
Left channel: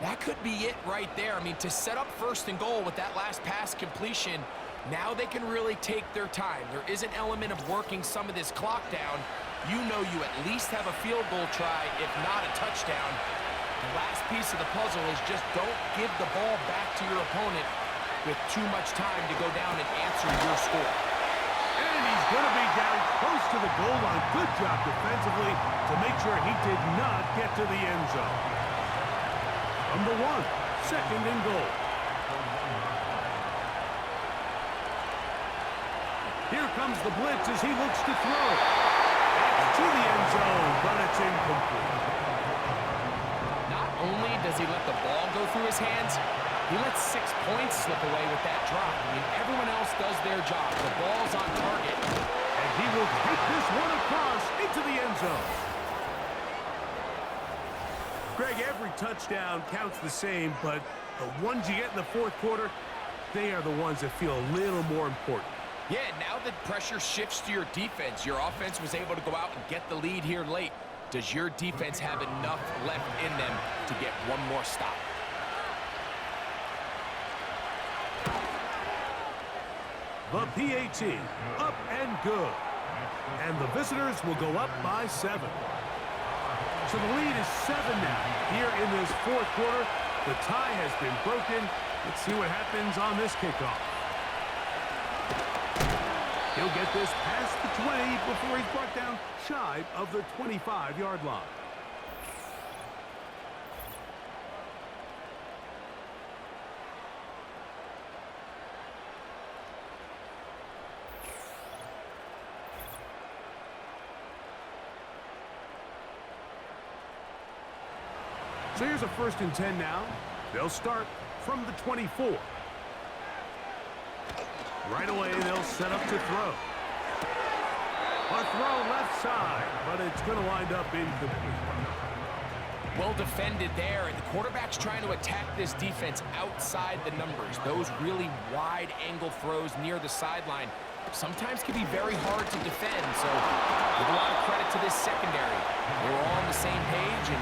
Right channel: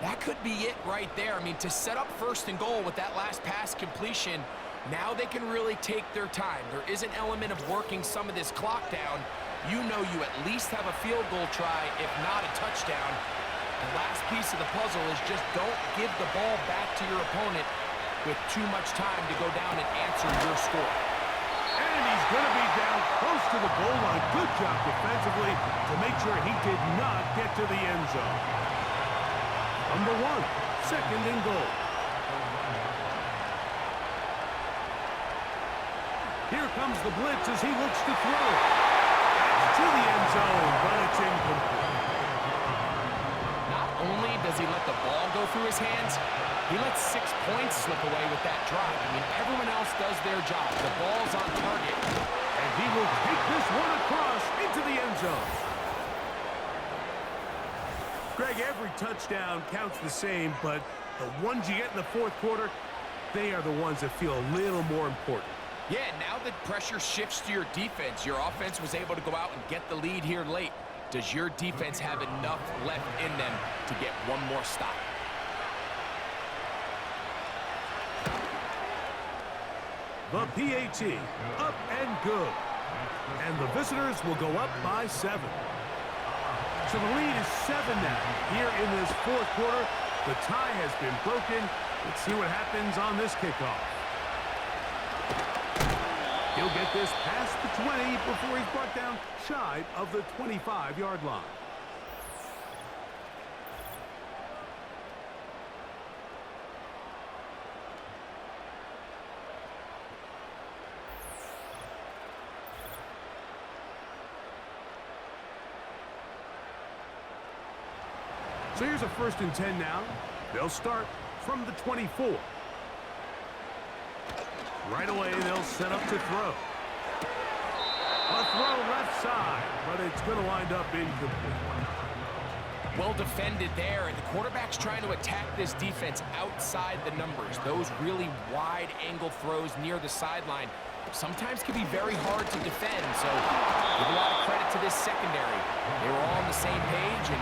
that could be it right there. I mean, to set up first and goal with that last pass completion, now they can really take their time. There is an element of working some of this clock down. You know you at least have a field goal try, if not a touchdown. The last piece of the puzzle is just don't give the ball back to your opponent with too much time to go down and answer your score. And he's going to be down close to the goal line. Good job defensively to make sure he did not get to the end zone. Number 1, second and goal. Here comes the blitz as he looks to throw. That's to the end zone, but it's incomplete. Not only does he let the ball go through his hands, he lets 6 points slip away with that drop. I mean, everyone else does their job. The ball's on target. And he will take this one across into the end zone. Greg, every touchdown counts the same, but the ones you get in the fourth quarter, they are the ones that feel a little more important. Yeah, now the pressure shifts to your defense. Your offense was able to go out and get the lead here late. Does your defense have enough left in them to get one more stop? The PAT, up and good. And the visitors will go up by 7. So the lead is 7 now. Here in this fourth quarter, the tie has been broken. Let's see what happens on this kickoff. He'll get this past the 20 before he's brought down shy of the 25-yard line. So here's a 1st and 10 now. They'll start from the 24. Right away, they'll set up to throw. A throw left side, but it's going to wind up incomplete. Well defended there, and the quarterback's trying to attack this defense outside the numbers. Those really wide angle throws near the sideline sometimes can be very hard to defend, so give a lot of credit to this secondary. They were all on the same page, and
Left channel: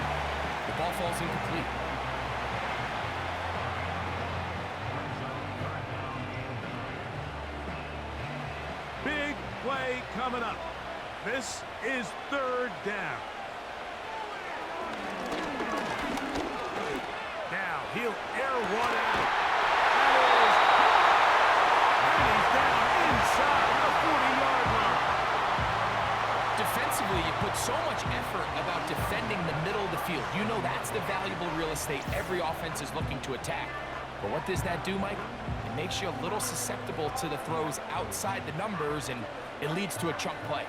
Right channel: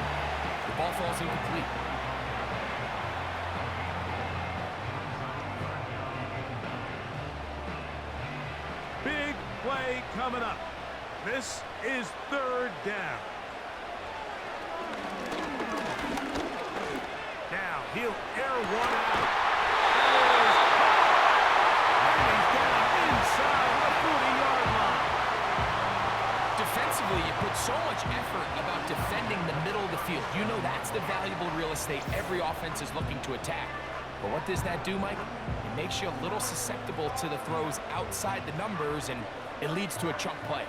the ball falls incomplete. Big play coming up. This is 3rd down. Now he'll air one out. That is caught. And he's down inside the 40-yard line. Defensively, you put so much effort about defending the middle of the field. You know that's the valuable real estate every offense is looking to attack. But what does that do, Mike? It makes you a little susceptible to the throws outside the numbers, and it leads to a chunk play.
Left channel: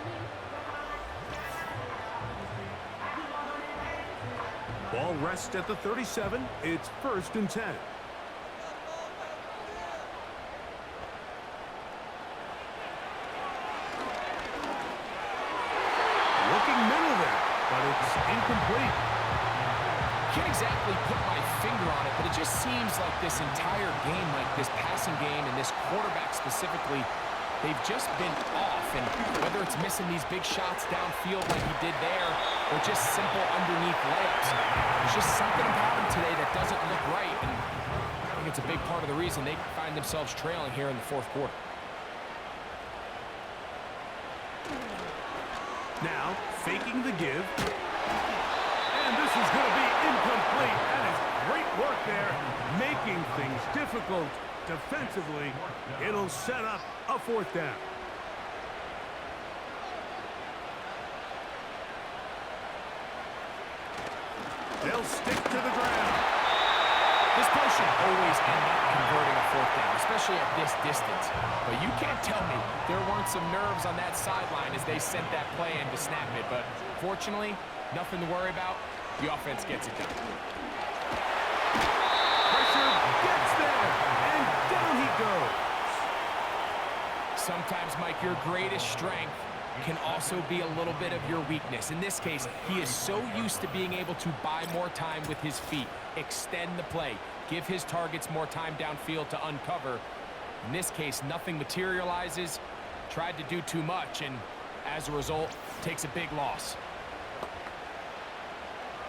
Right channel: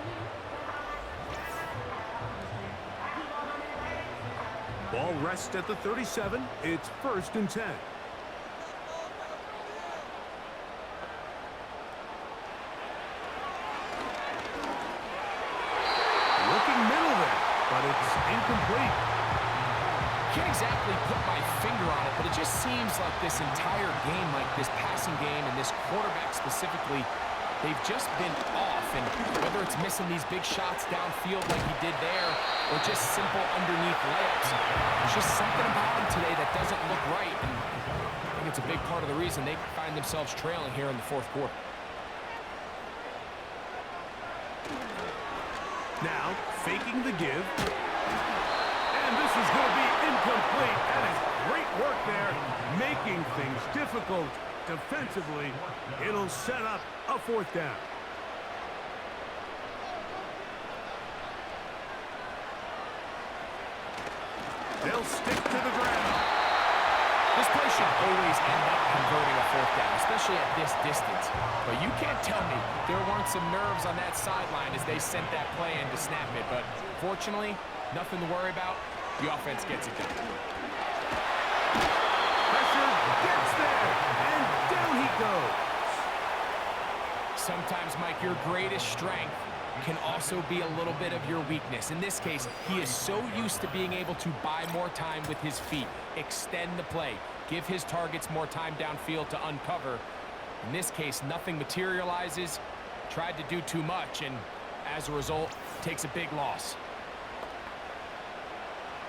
Ball rests at the 37. It's 1st and 10. Looking middle there, but it's incomplete. Can't exactly put my finger on it, but it just seems like this entire game, like this passing game and this quarterback specifically, they've just been off. And whether it's missing these big shots downfield like he did there, or just simple underneath layups, there's just something about him today that doesn't look right. And think it's a big part of the reason they find themselves trailing here in the fourth quarter. Now, faking the give. And this is going to be incomplete. That is great work there, making things difficult defensively. It'll set up a fourth down. They'll stick to the ground. This play should always end up converting a fourth down, especially at this distance. But you can't tell me there weren't some nerves on that sideline as they sent that play in to snap it. But fortunately, nothing to worry about. The offense gets it done. Pressure gets there, and down he goes. Sometimes, Mike, your greatest strength can also be a little bit of your weakness. In this case, he is so used to being able to buy more time with his feet, extend the play, give his targets more time downfield to uncover. In this case, nothing materializes, tried to do too much, and as a result, takes a big loss.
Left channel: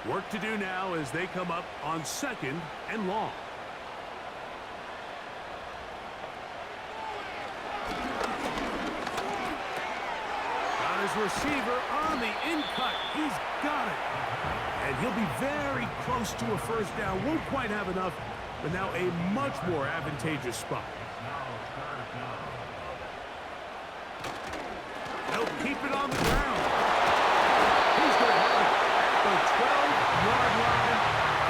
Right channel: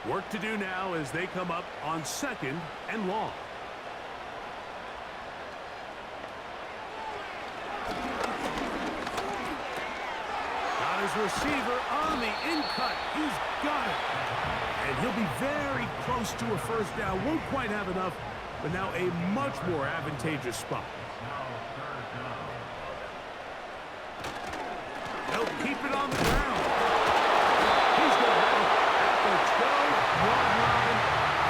Work to do now as they come up on 2nd and long. His receiver on the in-cut. He's got it. And he'll be very close to a first down. Won't quite have enough, but now a much more advantageous spot. They'll keep it on the ground. He's going to have it at the 12-yard line.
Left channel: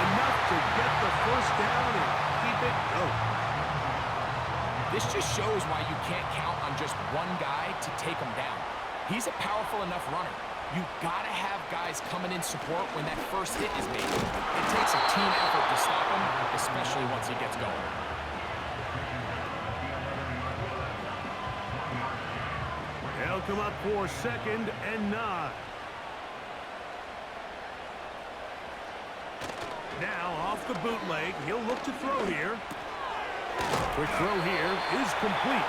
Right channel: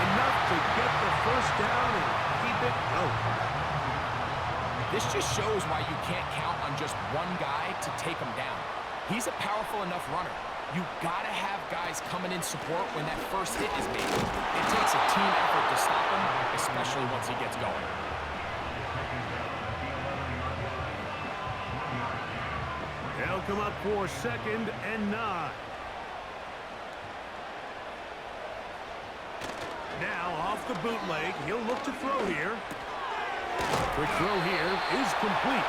Enough to get the first down and keep it going. This just shows why you can't count on just one guy to take him down. He's a powerful enough runner. You've got to have guys coming in support when that first hit is made. It takes a team effort to stop him, especially once he gets going. They'll come up for 2nd and 9. Now off the bootleg, he'll look to throw here. Quick throw here is complete.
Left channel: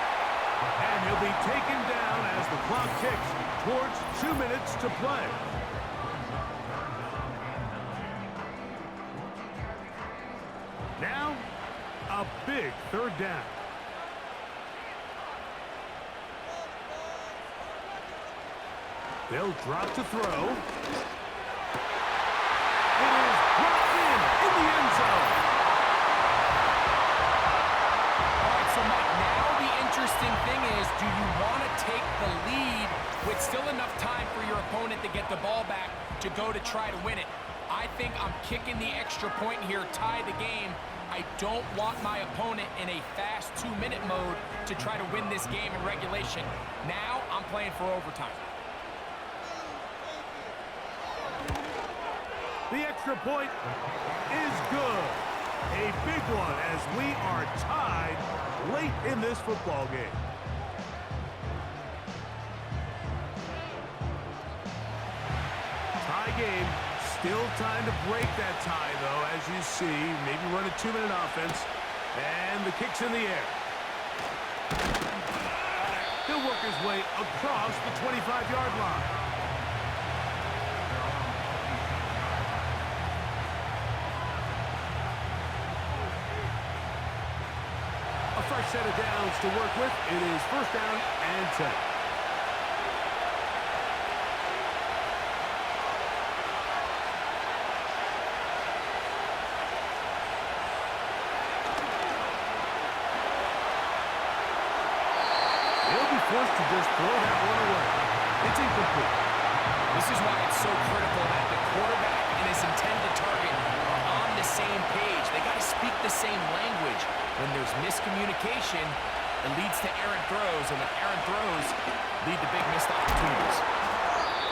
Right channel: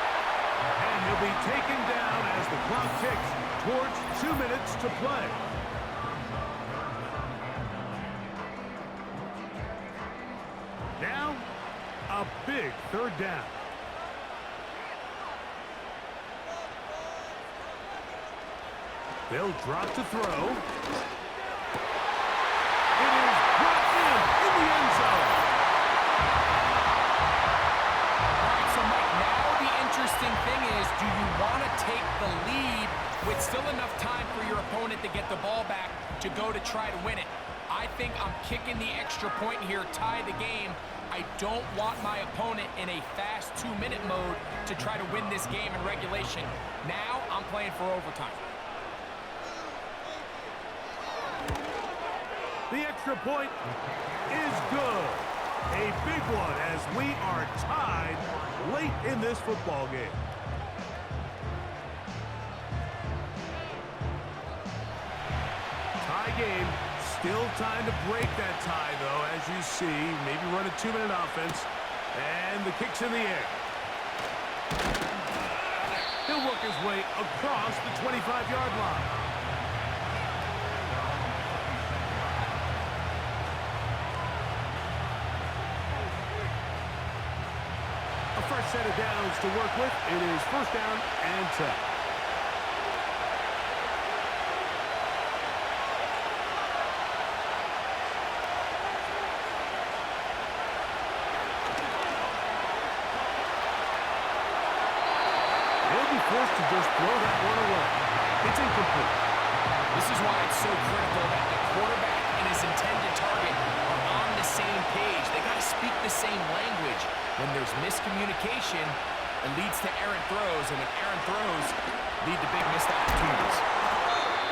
And he'll be taken down as the clock ticks towards 2 minutes to play. Now, a big 3rd down. They'll drop to throw. It is brought in the end zone. All right, so Mike, now the interesting thing is, do you want to take the lead with still enough time for your opponent to get the ball back to go to try to win it? I think I'm kicking the extra point here, tie the game. I don't want my opponent in a fast 2-minute mode to try to win this game in regulation. Now I'm playing for overtime. The extra point is good. A big one as we are tied late in this football game. Tie game. Still time to break that tie, though, as you see. Maybe run a 2-minute offense. And the kick's in the air. He'll work his way across the 25-yard line. A fresh set of downs to work with. It is 1st down and 10. He'll be forced to just throw that one away. It's incomplete. This is why it's so critical that the quarterback and his intended target are on the same page. They got to speak the same language. When there's miscommunication, it leads to errant throws, and when errant throws lead to big missed opportunities.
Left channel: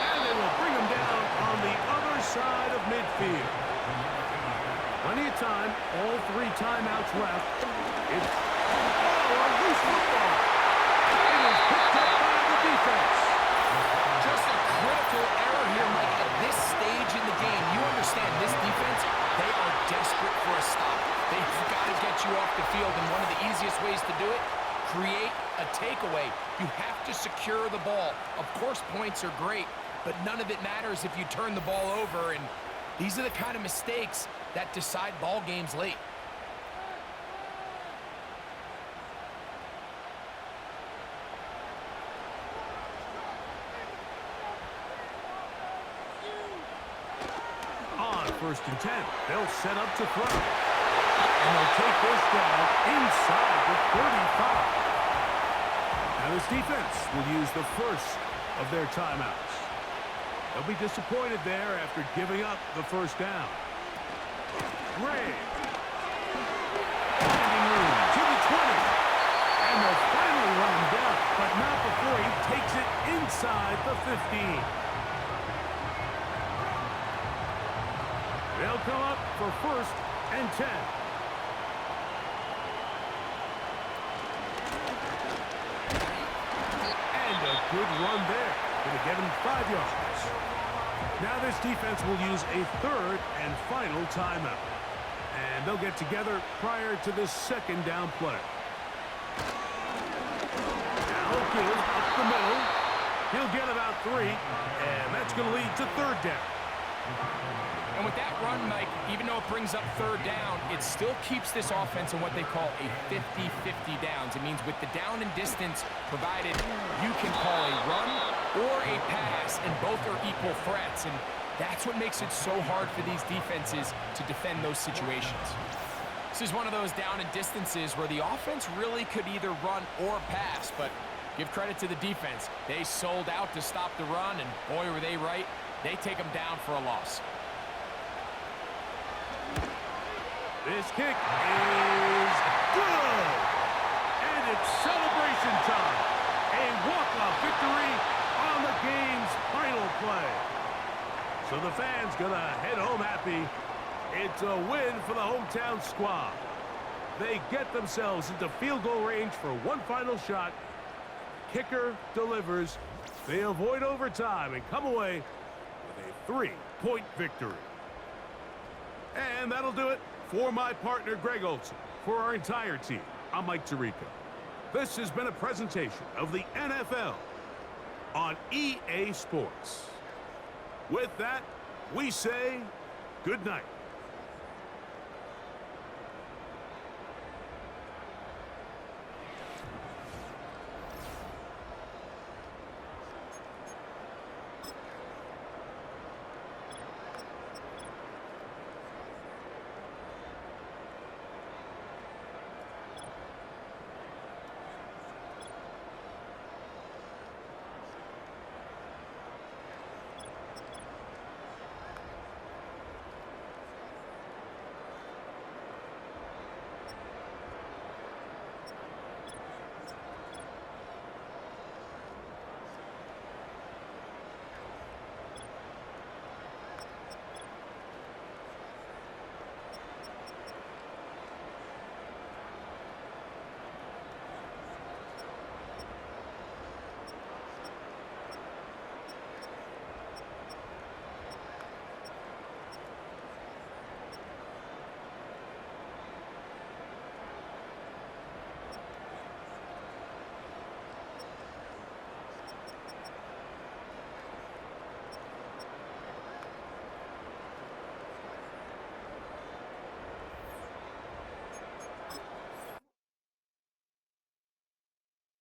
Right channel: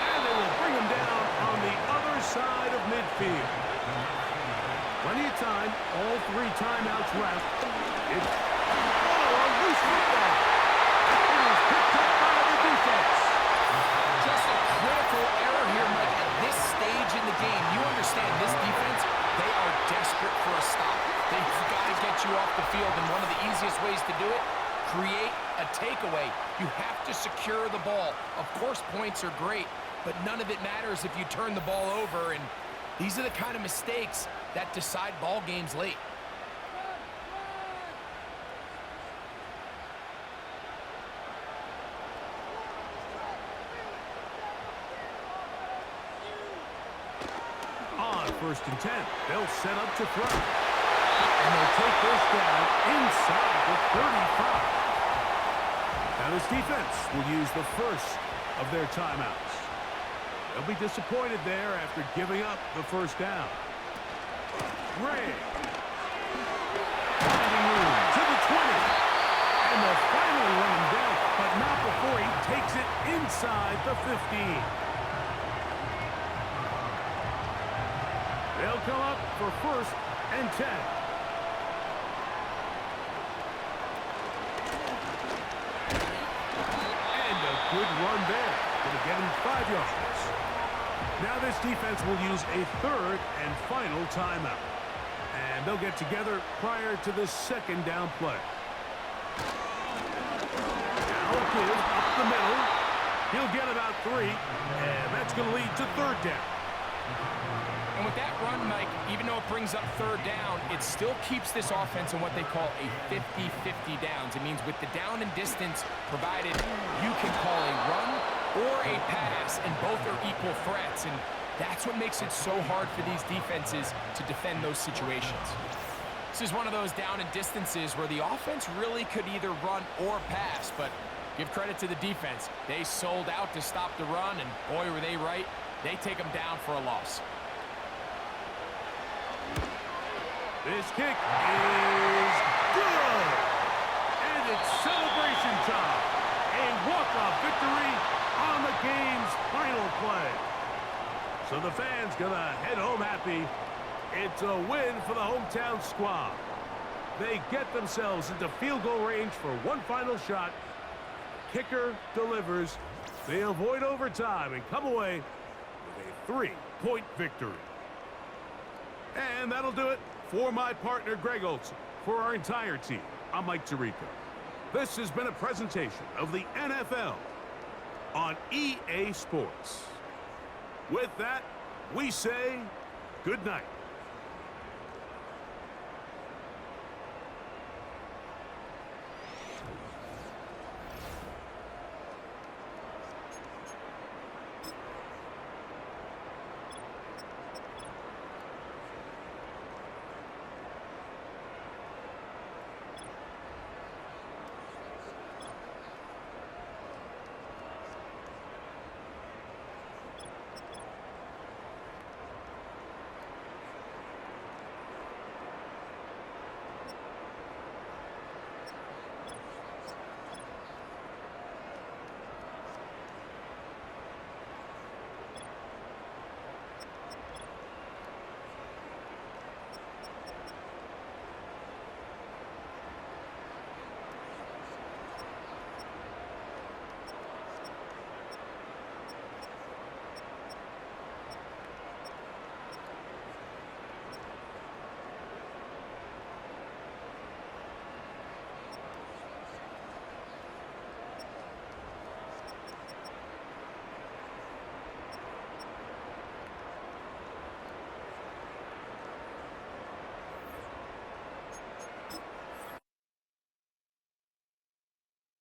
And they will bring him down on the other side of midfield. Plenty of time, all 3 timeouts left. It's a loose football. It is picked up by the defense. Just a critical error here, Mike, at this stage in the game. You understand this defense, they are desperate for a stop. They've got to get you off the field, and one of the easiest ways to do it, create a takeaway. You have to secure the ball. Of course, points are great, but none of it matters if you turn the ball over, and these are the kind of mistakes that decide ball games late. first and 10. They'll set up to throw. And they'll take this down inside the 35. Now this defense will use the first of their timeouts. They'll be disappointed there after giving up the first down. Ray. Finding room to the 20. And they'll finally run him down, but not before he takes it inside the 15. They'll come up for first and 10. And a good run there. Going to get him 5 yards. Now this defense will use a third and final timeout. And they'll get together prior to this second down play. Now give up the middle. He'll get about 3, and that's going to lead to third down. And with that run, Mike, even though it brings up third down, it still keeps this offense in what they call a 50-50 downs. It means with the down and distance provided, you can call a run or a pass, and both are equal threats. And that's what makes it so hard for these defenses to defend those situations. This is one of those down and distances where the offense really could either run or pass, but give credit to the defense. They sold out to stop the run, and boy, were they right. They take them down for a loss. This kick is good. And it's celebration time. A walk-off victory on the game's final play. So the fans gonna head home happy. It's a win for the hometown squad. They get themselves into field goal range for one final shot. The kicker delivers. They avoid overtime and come away with a 3-point victory. And that'll do it for my partner, Greg Olson. For our entire team, I'm Mike Tirico. This has been a presentation of the NFL on EA Sports. With that, we say good night.